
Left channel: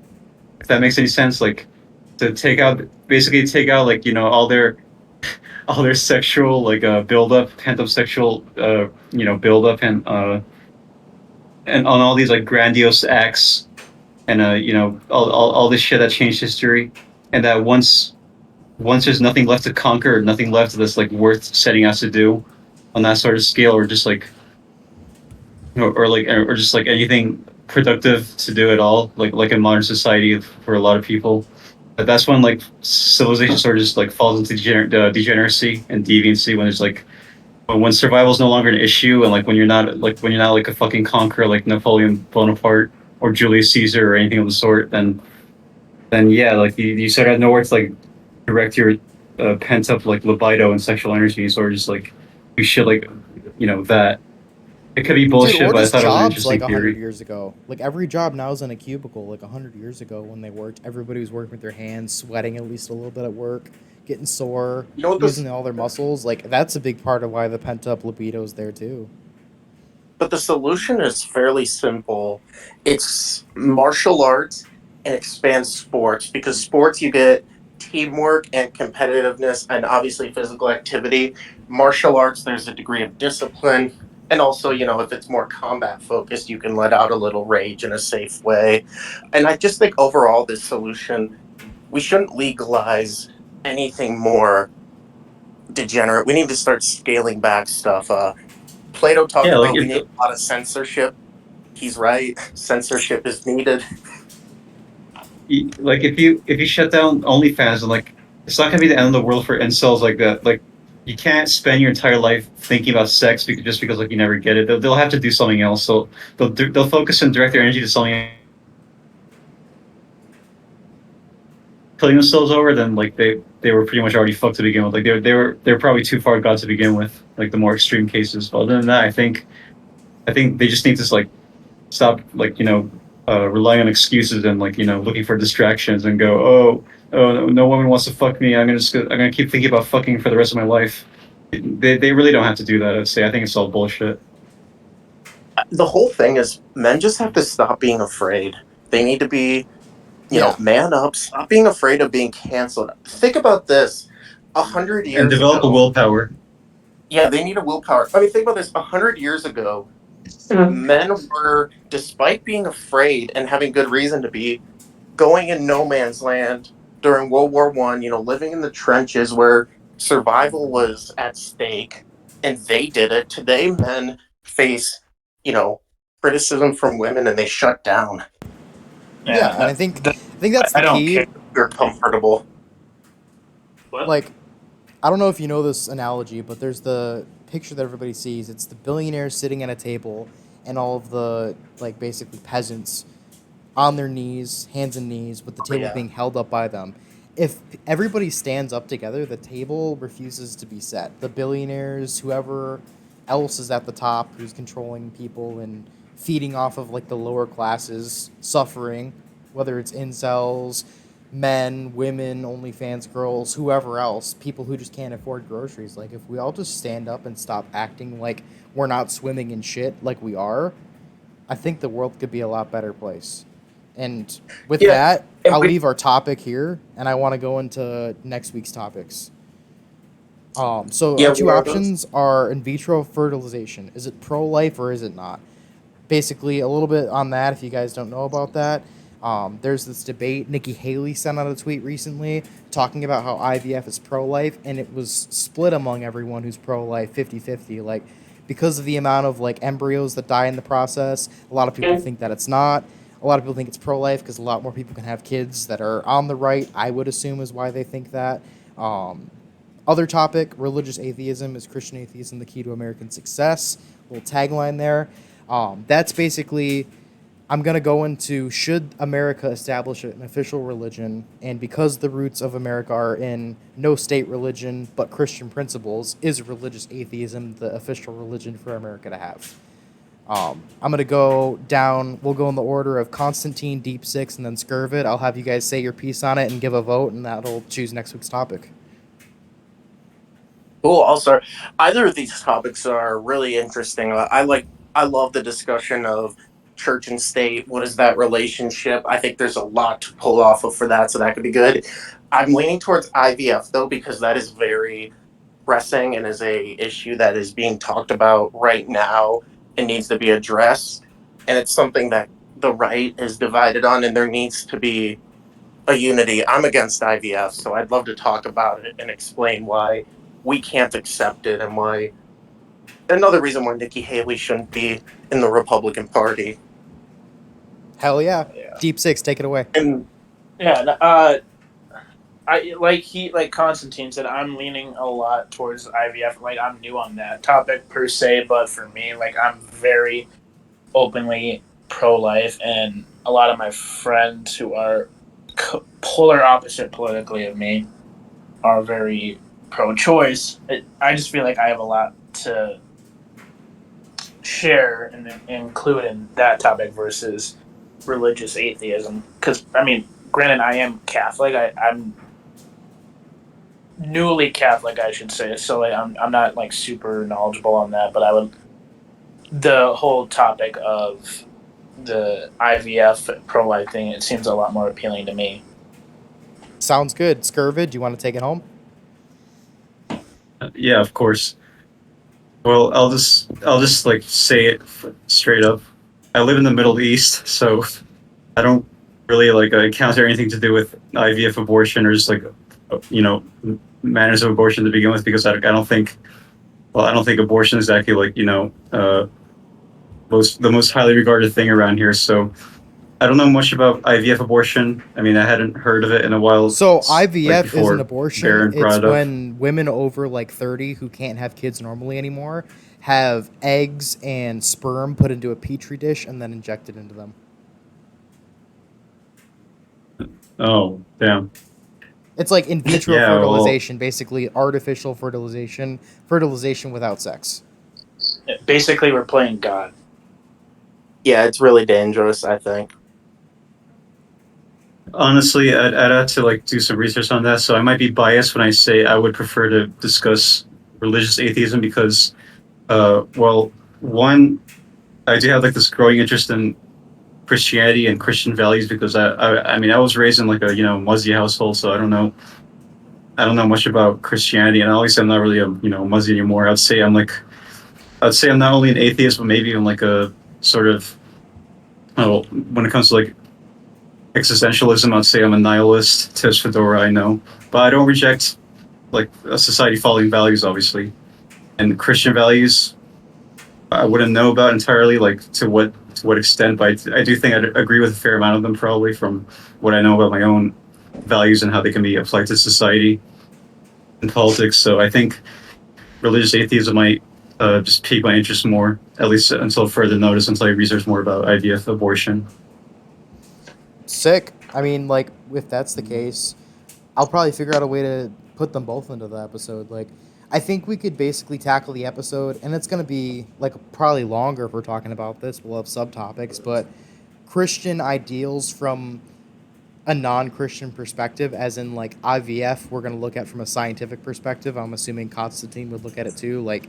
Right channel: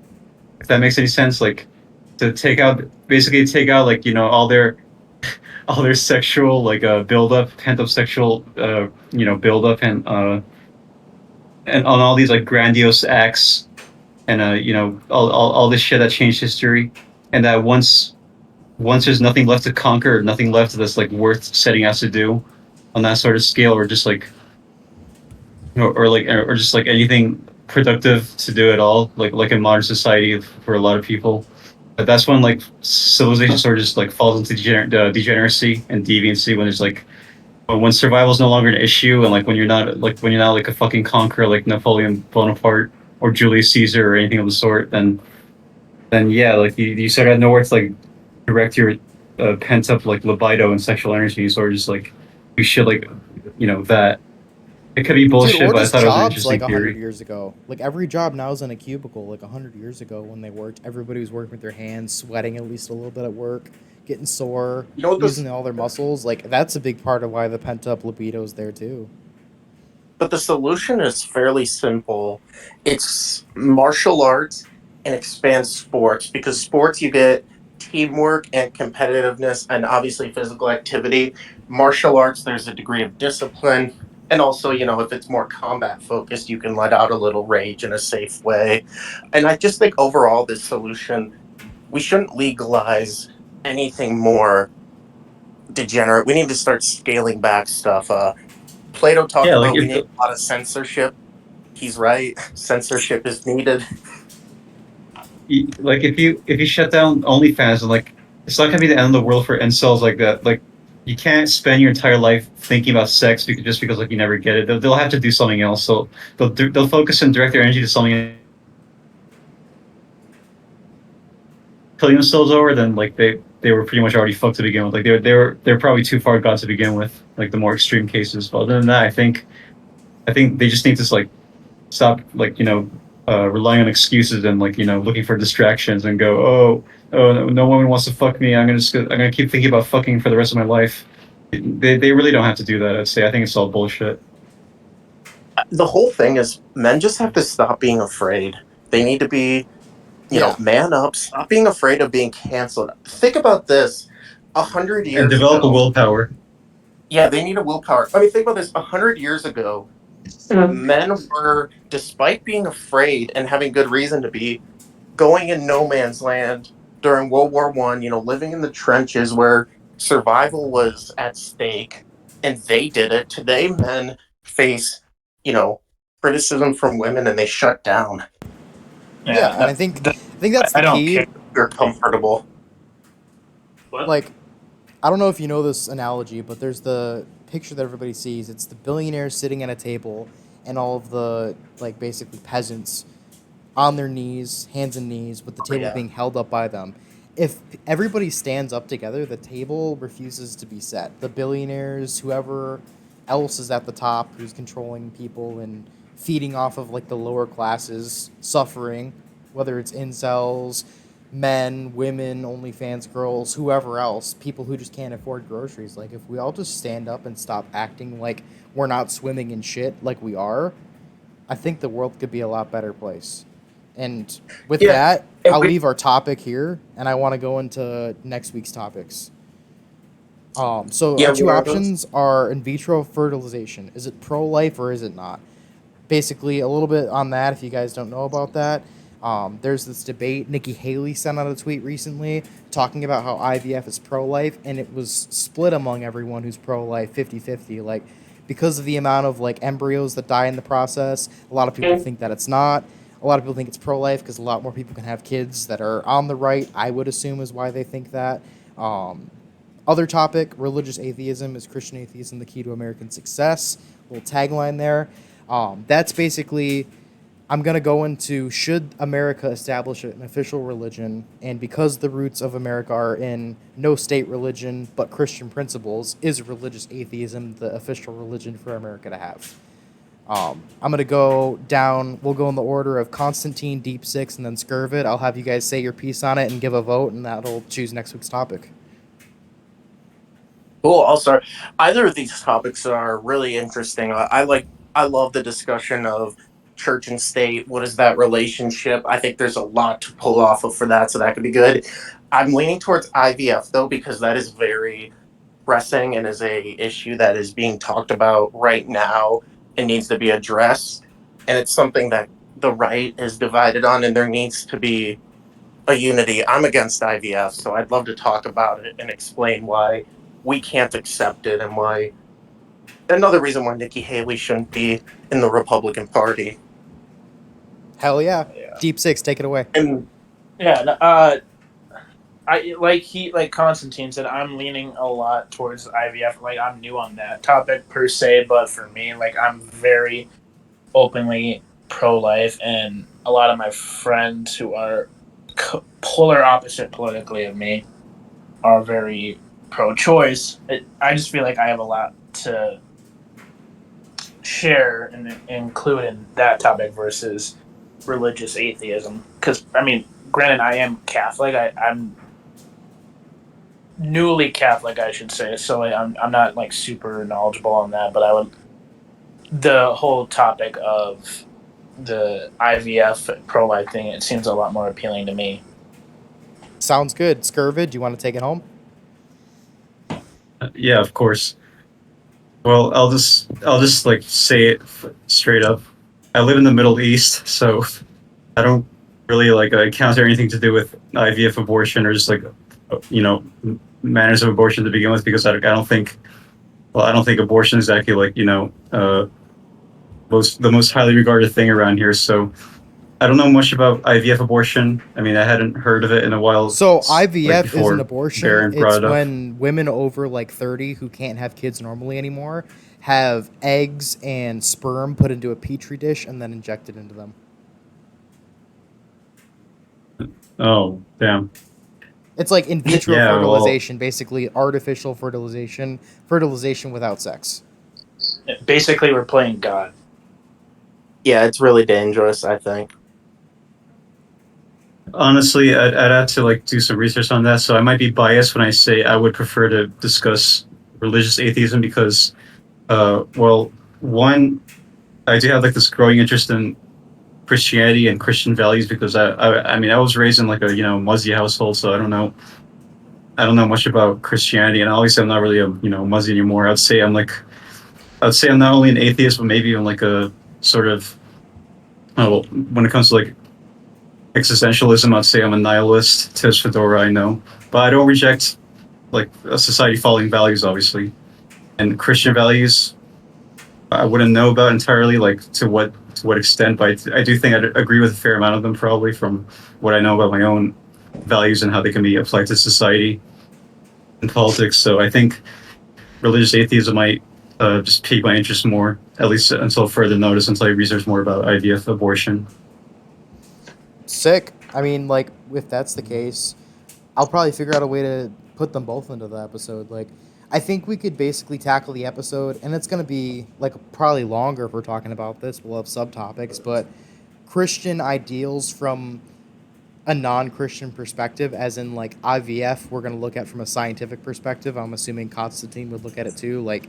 if that makes any sense, like to basically take out like all their sexual like build up, pent up sexual build up and on all these like grandiose acts and all this shit that changed history, and that once there's nothing left to conquer, nothing left that's like worth setting out to do on that sort of scale, or just like or just like anything productive to do at all, like in modern society for a lot of people. But that's when like civilization sort of just like falls into degeneracy and deviancy when it's like when survival is no longer an issue, and like when you're not like a fucking conqueror like Napoleon Bonaparte or Julius Caesar or anything of the sort, then yeah, like you sort of have nowhere to like direct your pent up like libido and sexual energies, or just like you should like that. It could be bullshit, Dude, or but I just thought it was an jobs interesting like 100 theory. years ago. Like, every job now is in a cubicle. Like, 100 years ago when they worked, everybody was working with their hands, sweating at least a little bit at work, getting sore, You know what using all their muscles. Like, that's a big part of why the pent-up libido is there, too. But the solution is fairly simple. It's martial arts and expand sports, because sports you get teamwork and competitiveness and obviously physical activity. Martial arts, there's a degree of discipline. And also, if it's more combat focused, you can let out a little rage in a safe way. And I just think overall, this solution, we shouldn't legalize anything more degenerate. We need to start scaling back stuff. Plato talked Yeah, like about we need a lot of censorship. He's right. Censorship is needed. if you shut down OnlyFans, and like it's not gonna be the end of the world for incels like that. Like you can't spend your entire life thinking about sex because like you never get it. They'll have to do something else. So they'll focus and direct their energy to something. Killing themselves over, then like they were pretty much already fucked to begin with. Like they're probably too far gone to begin with. Like the more extreme cases. But other than that, I think they just need to like stop like relying on excuses and like looking for distractions and go, oh, oh no woman wants to fuck me. I'm gonna keep thinking about fucking for the rest of my life. They really don't have to do that. I'd say I think it's all bullshit. The whole thing is men just have to stop being afraid. They need to be, Yeah. man up. Stop being afraid of being canceled. Think about this. 100 And years develop a ago, willpower. yeah, they need a willpower. I mean, think about this. 100 years ago, men were, despite being afraid and having good reason to be, going in no man's land during World War I. Living in the trenches where survival was at stake, and they did it. Today, men face, you know, criticism from women, and they shut down. Yeah, Yeah, and I think that's I the don't key. care. You're comfortable. What? Like, I don't know if you know this analogy, but there's the picture that everybody sees. It's the billionaire sitting at a table, and all of the like basically peasants on their knees, hands and knees, with the Oh, table yeah. being held up by them. If everybody stands up together, the table refuses to be set. The billionaires, whoever else is at the top, who's controlling people and feeding off of like the lower classes, suffering, whether it's incels, men, women, OnlyFans girls, whoever else, people who just can't afford groceries. Like, if we all just stand up and stop acting like we're not swimming in shit like we are, I think the world could be a lot better place. And with Yeah, that, and I'll we, leave our topic here, and I want to go into next week's topics. So our yeah, two what are those? options are in vitro fertilization. Is it pro-life or is it not? Basically, a little bit on that if you guys don't know about that. There's this debate. Nikki Haley sent out a tweet recently talking about how IVF is pro-life, and it was split among everyone who's pro-life 50-50. Like, because of the amount of like embryos that die in the process, a lot of people think that it's not. A lot of people think it's pro-life because a lot more people can have kids that are on the right, I would assume, is why they think that. Um, Other topic, religious atheism. Is Christian atheism the key to American success? Little tagline there. That's basically, I'm going to go into, should America establish an official religion? And because the roots of America are in no state religion but Christian principles, is religious atheism the official religion for America to have? I'm going to go down, we'll go in the order of Constantine, Deep Six, and then Scurvid. I'll have you guys say your piece on it and give a vote, and that'll choose next week's topic. Cool. I'll start. Either of these topics are really interesting. I love the discussion of church and state. What is that relationship? I think there's a lot to pull off of for that, so that could be good. I'm leaning towards IVF though, because that is very pressing and is a issue that is being talked about right now and needs to be addressed. And it's something that the right is divided on, and there needs to be a unity. I'm against IVF, so I'd love to talk about it and explain why we can't accept it and why another reason why Nikki Haley shouldn't be in the Republican Party. Hell yeah. Yeah. Deep Six, take it away. And Yeah. Like Constantine said, I'm leaning a lot towards IVF. Like, I'm new on that topic per se, but for me, like, I'm very openly pro-life, and a lot of my friends who are polar opposite politically of me are very pro-choice. I just feel like I have a lot to share and include in that topic versus religious atheism. Because I mean, granted, I am Catholic. I'm newly Catholic, I should say. So I'm not like super knowledgeable on that, but I would, the whole topic of the IVF pro life thing, it seems a lot more appealing to me. Sounds good. Scurvid, do you want to take it home? Yeah, of course. Well, I'll just like say it straight up. I live in the Middle East, so I don't really like encounter anything to do with IVF abortion or just like you know manners of abortion to begin with because I don't think I don't think abortion is actually like the most highly regarded thing around here. So I don't know much about IVF abortion. I mean, I hadn't heard of it in a while, So like IVF is an before abortion. Baron brought It's it up. when women over like 30 who can't have kids normally anymore have eggs and sperm put into a petri dish and then injected into them. Oh, damn. It's like in vitro Yeah, well, fertilization, basically artificial fertilization, fertilization without sex. Basically, we're playing God. yeah, it's really dangerous, I think. Honestly, I'd have to like do some research on that. So I might be biased when I say I would prefer to discuss religious atheism because, well, one, I do have like this growing interest in Christianity and Christian values because I mean I was raised in like a Muslim household, so I don't know much about Christianity, and obviously I'm not really a Muslim anymore. I'd say I'm not only an atheist, but maybe even like a sort of when it comes to like existentialism, I'd say I'm a nihilist. Tis Fedora, I know, but I don't reject like a society following values, obviously, and Christian values. I wouldn't know about entirely, like to what extent, but I do think I'd agree with a fair amount of them, probably from what I know about my own values and how they can be applied to society and politics. So I think religious atheism might just pique my interest more, at least until further notice, until I research more about IVF abortion. Sick. I mean, like, if that's the case, I'll probably figure out a way to put them both into the episode. Like, I think we could basically tackle the episode, and it's gonna be like probably longer if we're talking about this. We'll have subtopics, but Christian ideals from a non-Christian perspective, as in like IVF, we're gonna look at from a scientific perspective. I'm assuming Constantine would look at it too. Like,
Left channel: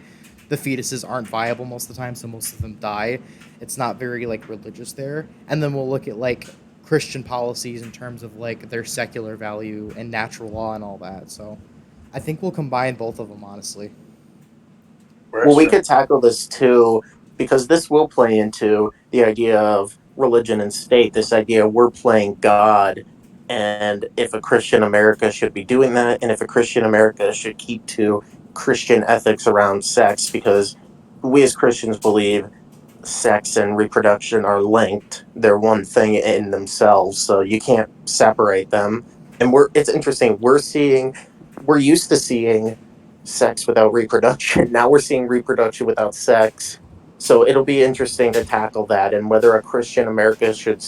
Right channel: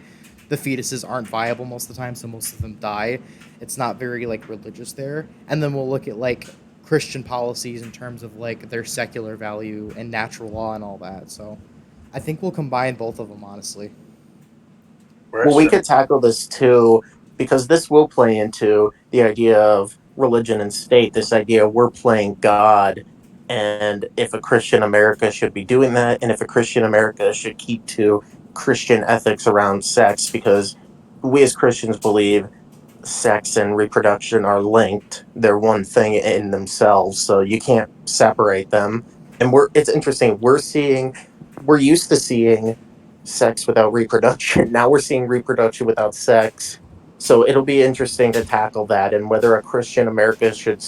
the fetuses aren't viable most of the time, so most of them die. It's not very like religious there. And then we'll look at like Christian policies in terms of like their secular value and natural law and all that. So I think we'll combine both of them, honestly. Well, we could tackle this too, because this will play into the idea of religion and state, this idea we're playing God, and if a Christian America should be doing that, and if a Christian America should keep to Christian ethics around sex, because we as Christians believe sex and reproduction are linked. They're one thing in themselves, so you can't separate them. And it's interesting, we're used to seeing sex without reproduction. Now we're seeing reproduction without sex. So it'll be interesting to tackle that and whether a Christian America should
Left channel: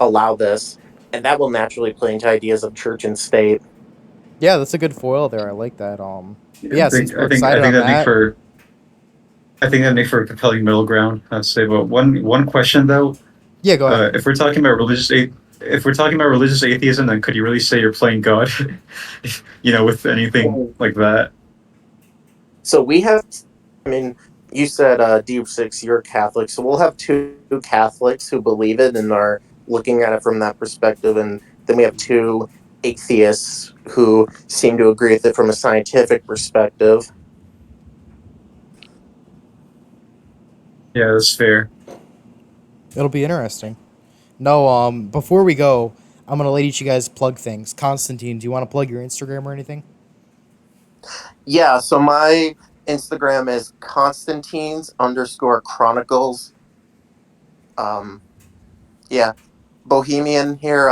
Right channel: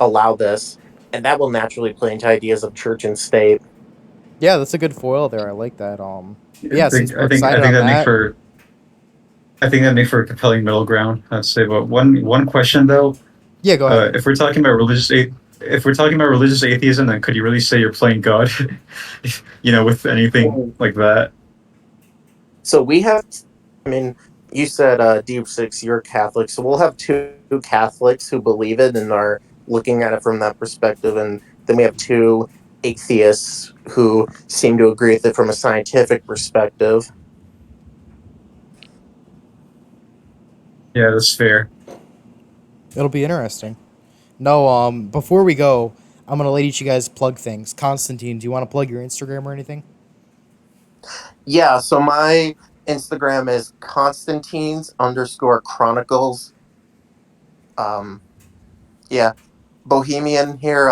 allow this. And that will naturally play into ideas of church and state. Yeah, that's a good foil there. I like that. But yeah, since we're I excited think on that make that, for I think that make for a compelling middle ground. I'd say, but one question though, yeah, go ahead. if we're talking about if we're talking about religious atheism, then could you really say you're playing God? With anything like that? So we have, I mean, you said Deep Six, you're Catholic. So we'll have two Catholics who believe it and are looking at it from that perspective. And then we have two atheists who seem to agree with it from a scientific perspective. Yeah, that's fair. It'll be interesting. No, before we go, I'm gonna let each of you guys plug things. Constantine, do you want to plug your Instagram or anything? Yeah, so my Instagram is Constantines_Chronicles. Um, yeah, Bohemian here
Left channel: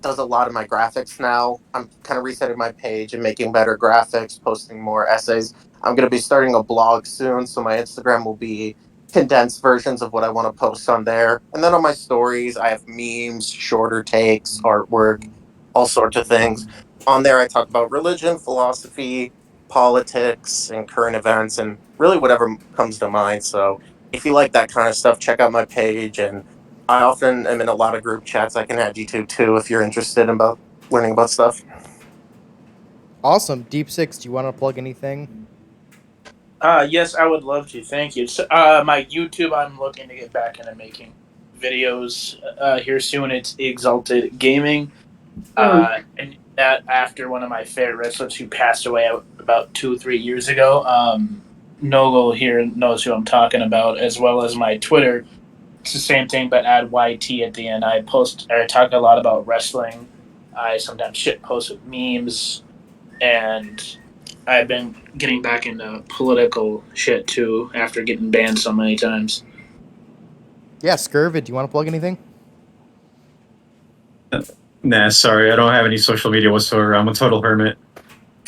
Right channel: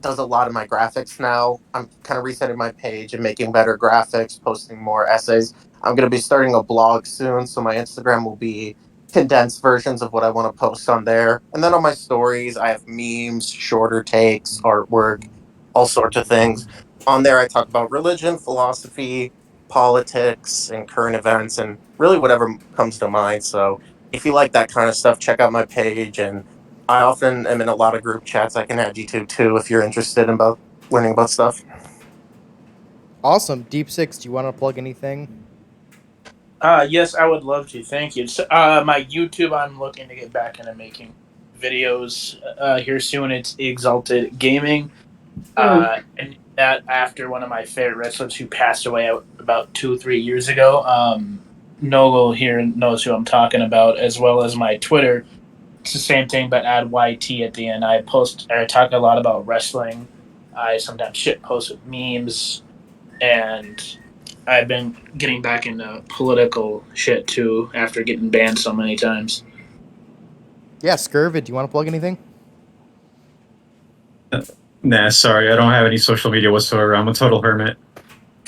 does a lot of my graphics now. I'm kind of resetting my page and making better graphics, posting more essays. I'm going to be starting a blog soon, so my Instagram will be condensed versions of what I want to post on there. And then on my stories, I have memes, shorter takes, artwork, all sorts of things. On there, I talk about religion, philosophy, politics, and current events, and really whatever comes to mind. So if you like that kind of stuff, check out my page and I often am in a lot of group chats. I can add you to too if you're interested in about learning about stuff. Awesome. Deep Six, do you want to plug anything? Yes, I would love to. Thank you. So, my YouTube, I'm looking to get back into making videos here soon. It's Exalted Gaming. And that after one of my favorite wrestlers who passed away about 2 or 3 years ago. NOGL here knows who I'm talking about, as well as my Twitter. It's the same thing, but add YT at the end. I talk a lot about wrestling. I sometimes shit post with memes, and I've been getting back into political shit too after getting banned so many times. Yeah, Scurvid, do you want to plug anything? Nah, sorry, I don't have any social media whatsoever. I'm a total hermit.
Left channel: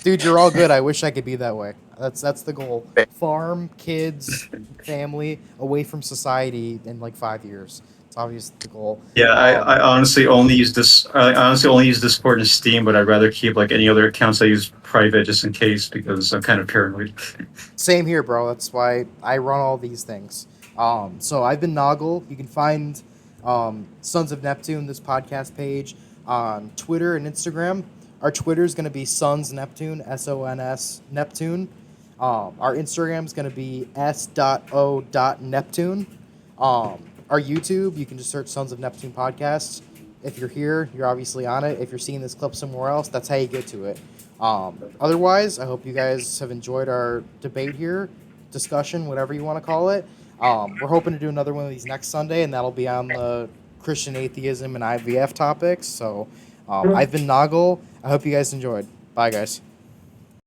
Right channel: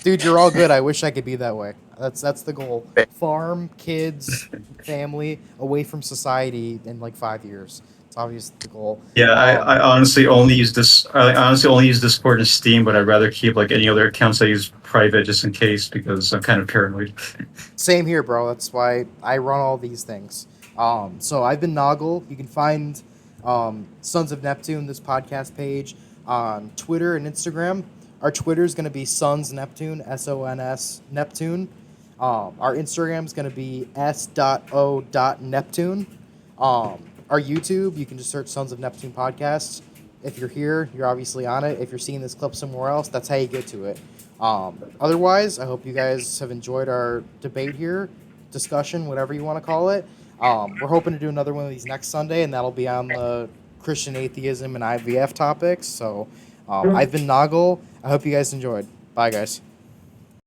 Dude, you're all good. I wish I could be that way. That's the goal. Farm, kids, family, away from society in like 5 years. It's obviously the goal. Yeah, I honestly only use this. I honestly only use Discord and Steam, but I'd rather keep like any other accounts I use private just in case because I'm kind of paranoid. Same here, bro. That's why I run all these things. So I've been NOGL. You can find Sons of Neptune, this podcast page, on Twitter and Instagram. Our Twitter is going to be sonsneptune, SONS Neptune. Our Instagram is going to be s.o.neptune. Our YouTube, you can just search Sons of Neptune Podcasts. If you're here, you're obviously on it. If you're seeing this clip somewhere else, that's how you get to it. Otherwise, I hope you guys have enjoyed our debate here, discussion, whatever you want to call it. We're hoping to do another one of these next Sunday, and that'll be on the Christian atheism and IVF topics. So I've been NOGL. I hope you guys enjoyed. Bye, guys.